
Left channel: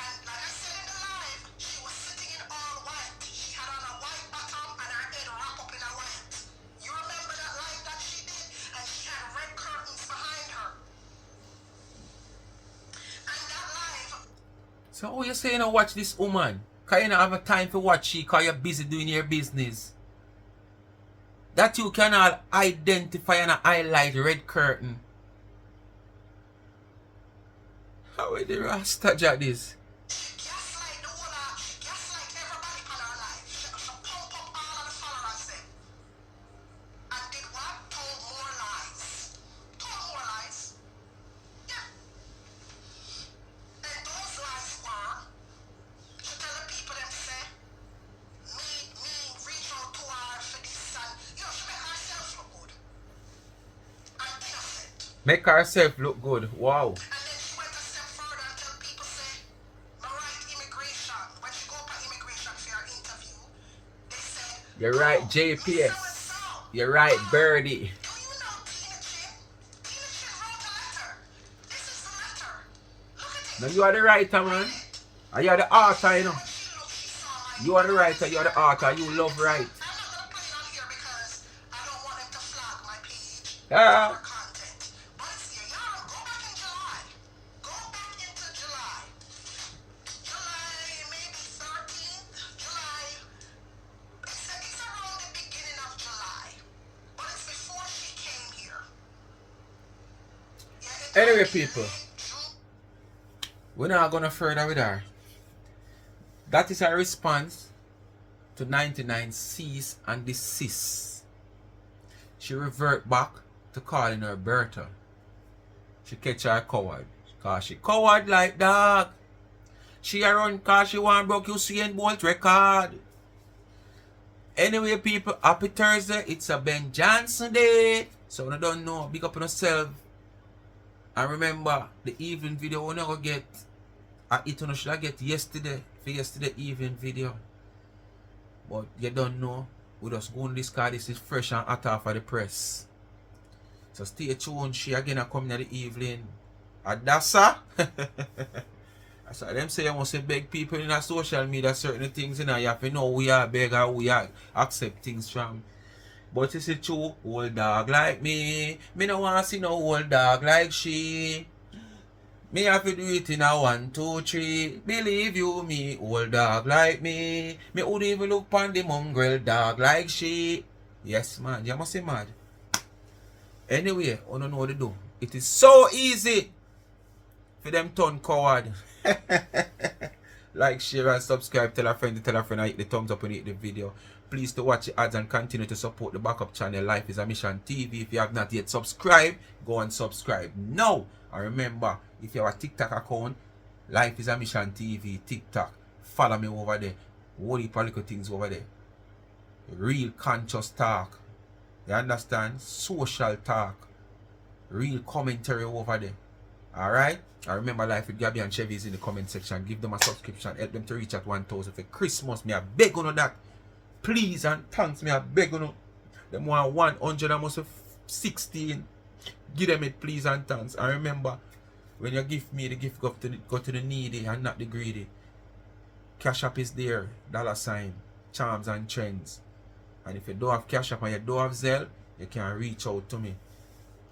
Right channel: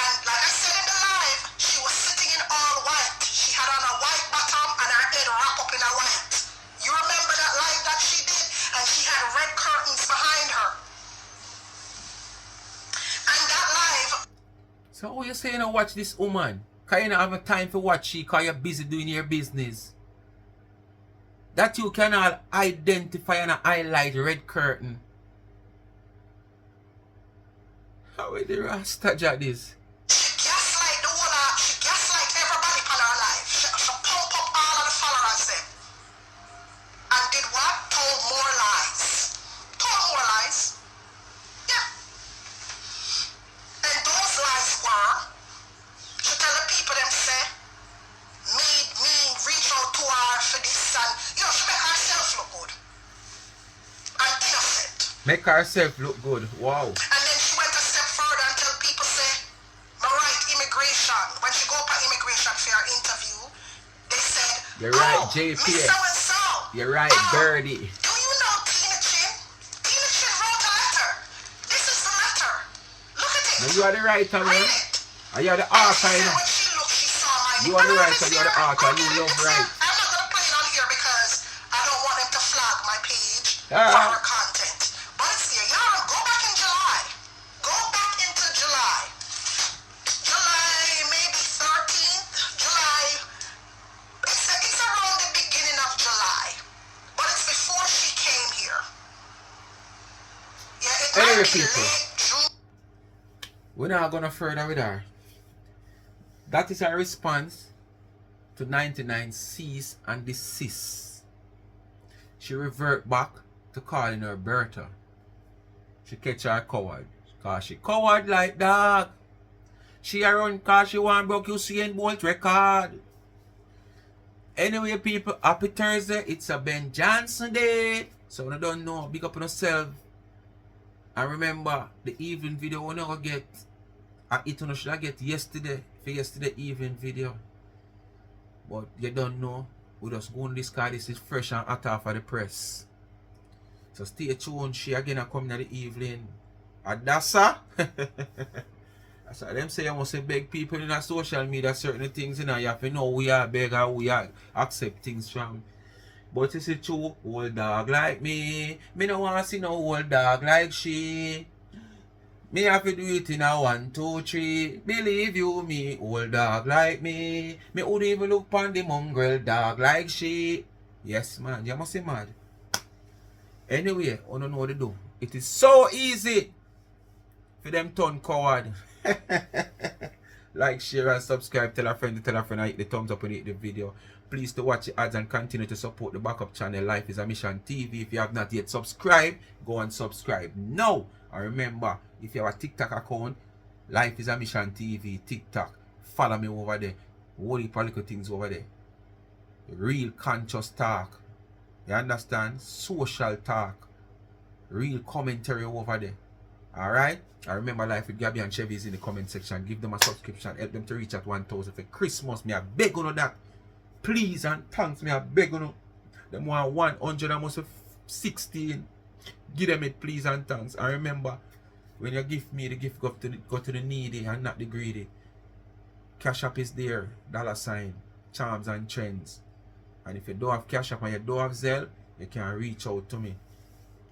and like I said in the live, she was sitting in all white. She had on a white So how you say you don't watch this woman? Cause you don't have a time to watch she, cause you're busy doing your business. That you cannot identify and highlight red curtain. How is the Rasta this? She gaslight the whole she gaslight everybody on her life. She pump up all of the followers them. And did what? Told more lies. Told more lies. Yeah. And those lies were, she tell the people them say, me reach out to her for this and, you know, she make herself look good. And innocent. Make herself look good. Wow. And then she went a step further and tell people say, my right immigration. When she go for immigration for her interview, they said, You're right, oh, JPS. Miss so-and-so. You're right, Birdie. Do you know Tina Chin? Tina Chin wrote a letter. This is the letter. Look at it. Now you are the writer, man. Read it. And you are the author, you know. When she looked, she saw my You are the writer, you are the author, you love right. I'm not going to play it on here because I don't want them to flag my page Ah. for her content. But it's there. Y'all go back in July. Go back into July. July, maybe 13th. July. It's around the beginning of July. But it's before she came here. Yeah, it Anyway, might be people. late June. We're not gonna further with her. That is her response to 99 cease and desist. She revert back to calling her Bertha. She catch her coward. Cause she coward like dog. She a run cause she want broke Usain Bolt record. Anyway, people, happy Thursday. It's a Ben Johnson day. So when I don't know, big up on yourself. And remember, the evening video we're not gonna get. It should I get yesterday for yesterday evening video. But you don't know. We just go on this car. This is fresh and hot off of the press. So stay tuned. She again coming in the evening. Adassa. That's why them say you must beg people in our social media certain things, you know. You have to know we are beg or we are accept things from. But it's true, old dog like me. Me no want to see no old dog like she. Me have to do it in a 1, 2, 3. Believe you me, old dog like me. Me would even look upon the mongrel dog like she. Yes, man, you must be mad. Anyway, I don't know what to do. It is so easy for them turn coward. Like, share and subscribe. Tell a friend and hit the thumbs up and hit the video. Please to watch the ads and continue to support the backup channel Life is a Mission TV. If you have not yet subscribed, go and subscribe now. And remember, if you have a TikTok account, Life is a Mission TV, TikTok, follow me over there. All the political things over there. Real conscious talk. You understand? Social talk. Real commentary over there. Alright? I remember Life with Gabby and Chevy is in the comment section. Give them a subscription. Help them to reach at 1,000 for Christmas. Me I beg on that. Please and thanks. Me I beg on them want 100 and must 16. Give them it please and thanks. And remember, when you give me the gift, go to the needy and not the greedy. Cash App is there. $, Charms and Trends. And if you don't have Cash App and you don't have Zelle, you can reach out to me.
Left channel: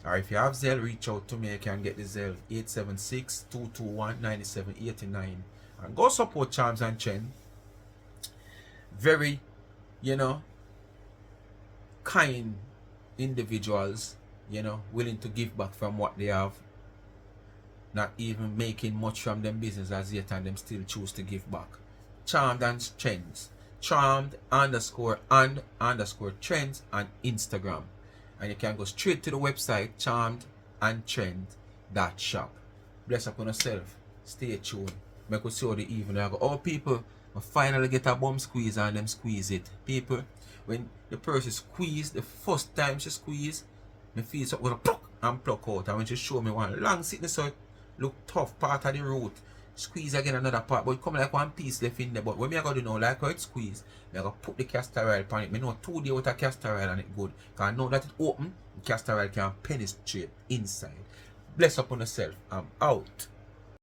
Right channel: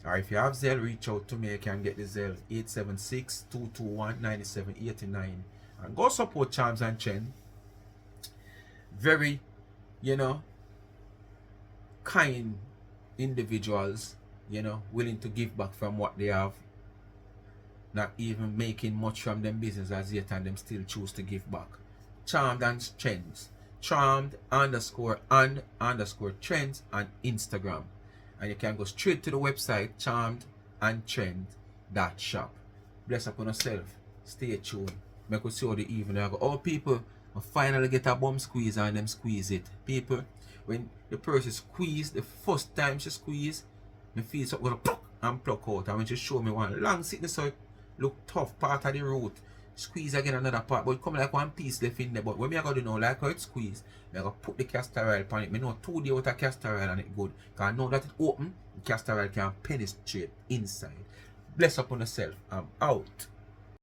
Or if you have Zelle, reach out to me. You can get the Zelle 876-221-9789. And go support Charms and Trends. Very, kind individuals, willing to give back from what they have. Not even making much from them business as yet, and them still choose to give back. Charmed and Trends. Charmed_and_trends on Instagram. And you can go straight to the website charmedandtrend.shop. Bless upon yourself. Stay tuned. Make us see how the evening I go. Oh people, I finally get a bum squeeze and them squeeze it. People, when the person squeeze, the first time she squeeze, me feel something gonna pluck and pluck out. And when she show me one long sickness, so it look tough part of the root. Squeeze again another part, but it come like one piece left in there. But when me I go do now, like how it squeeze, me I go put the castor oil on it. Me know 2 days with a castor oil and it good. Cause I know that it open, the castor oil can penetrate inside. Bless upon yourself. I'm out.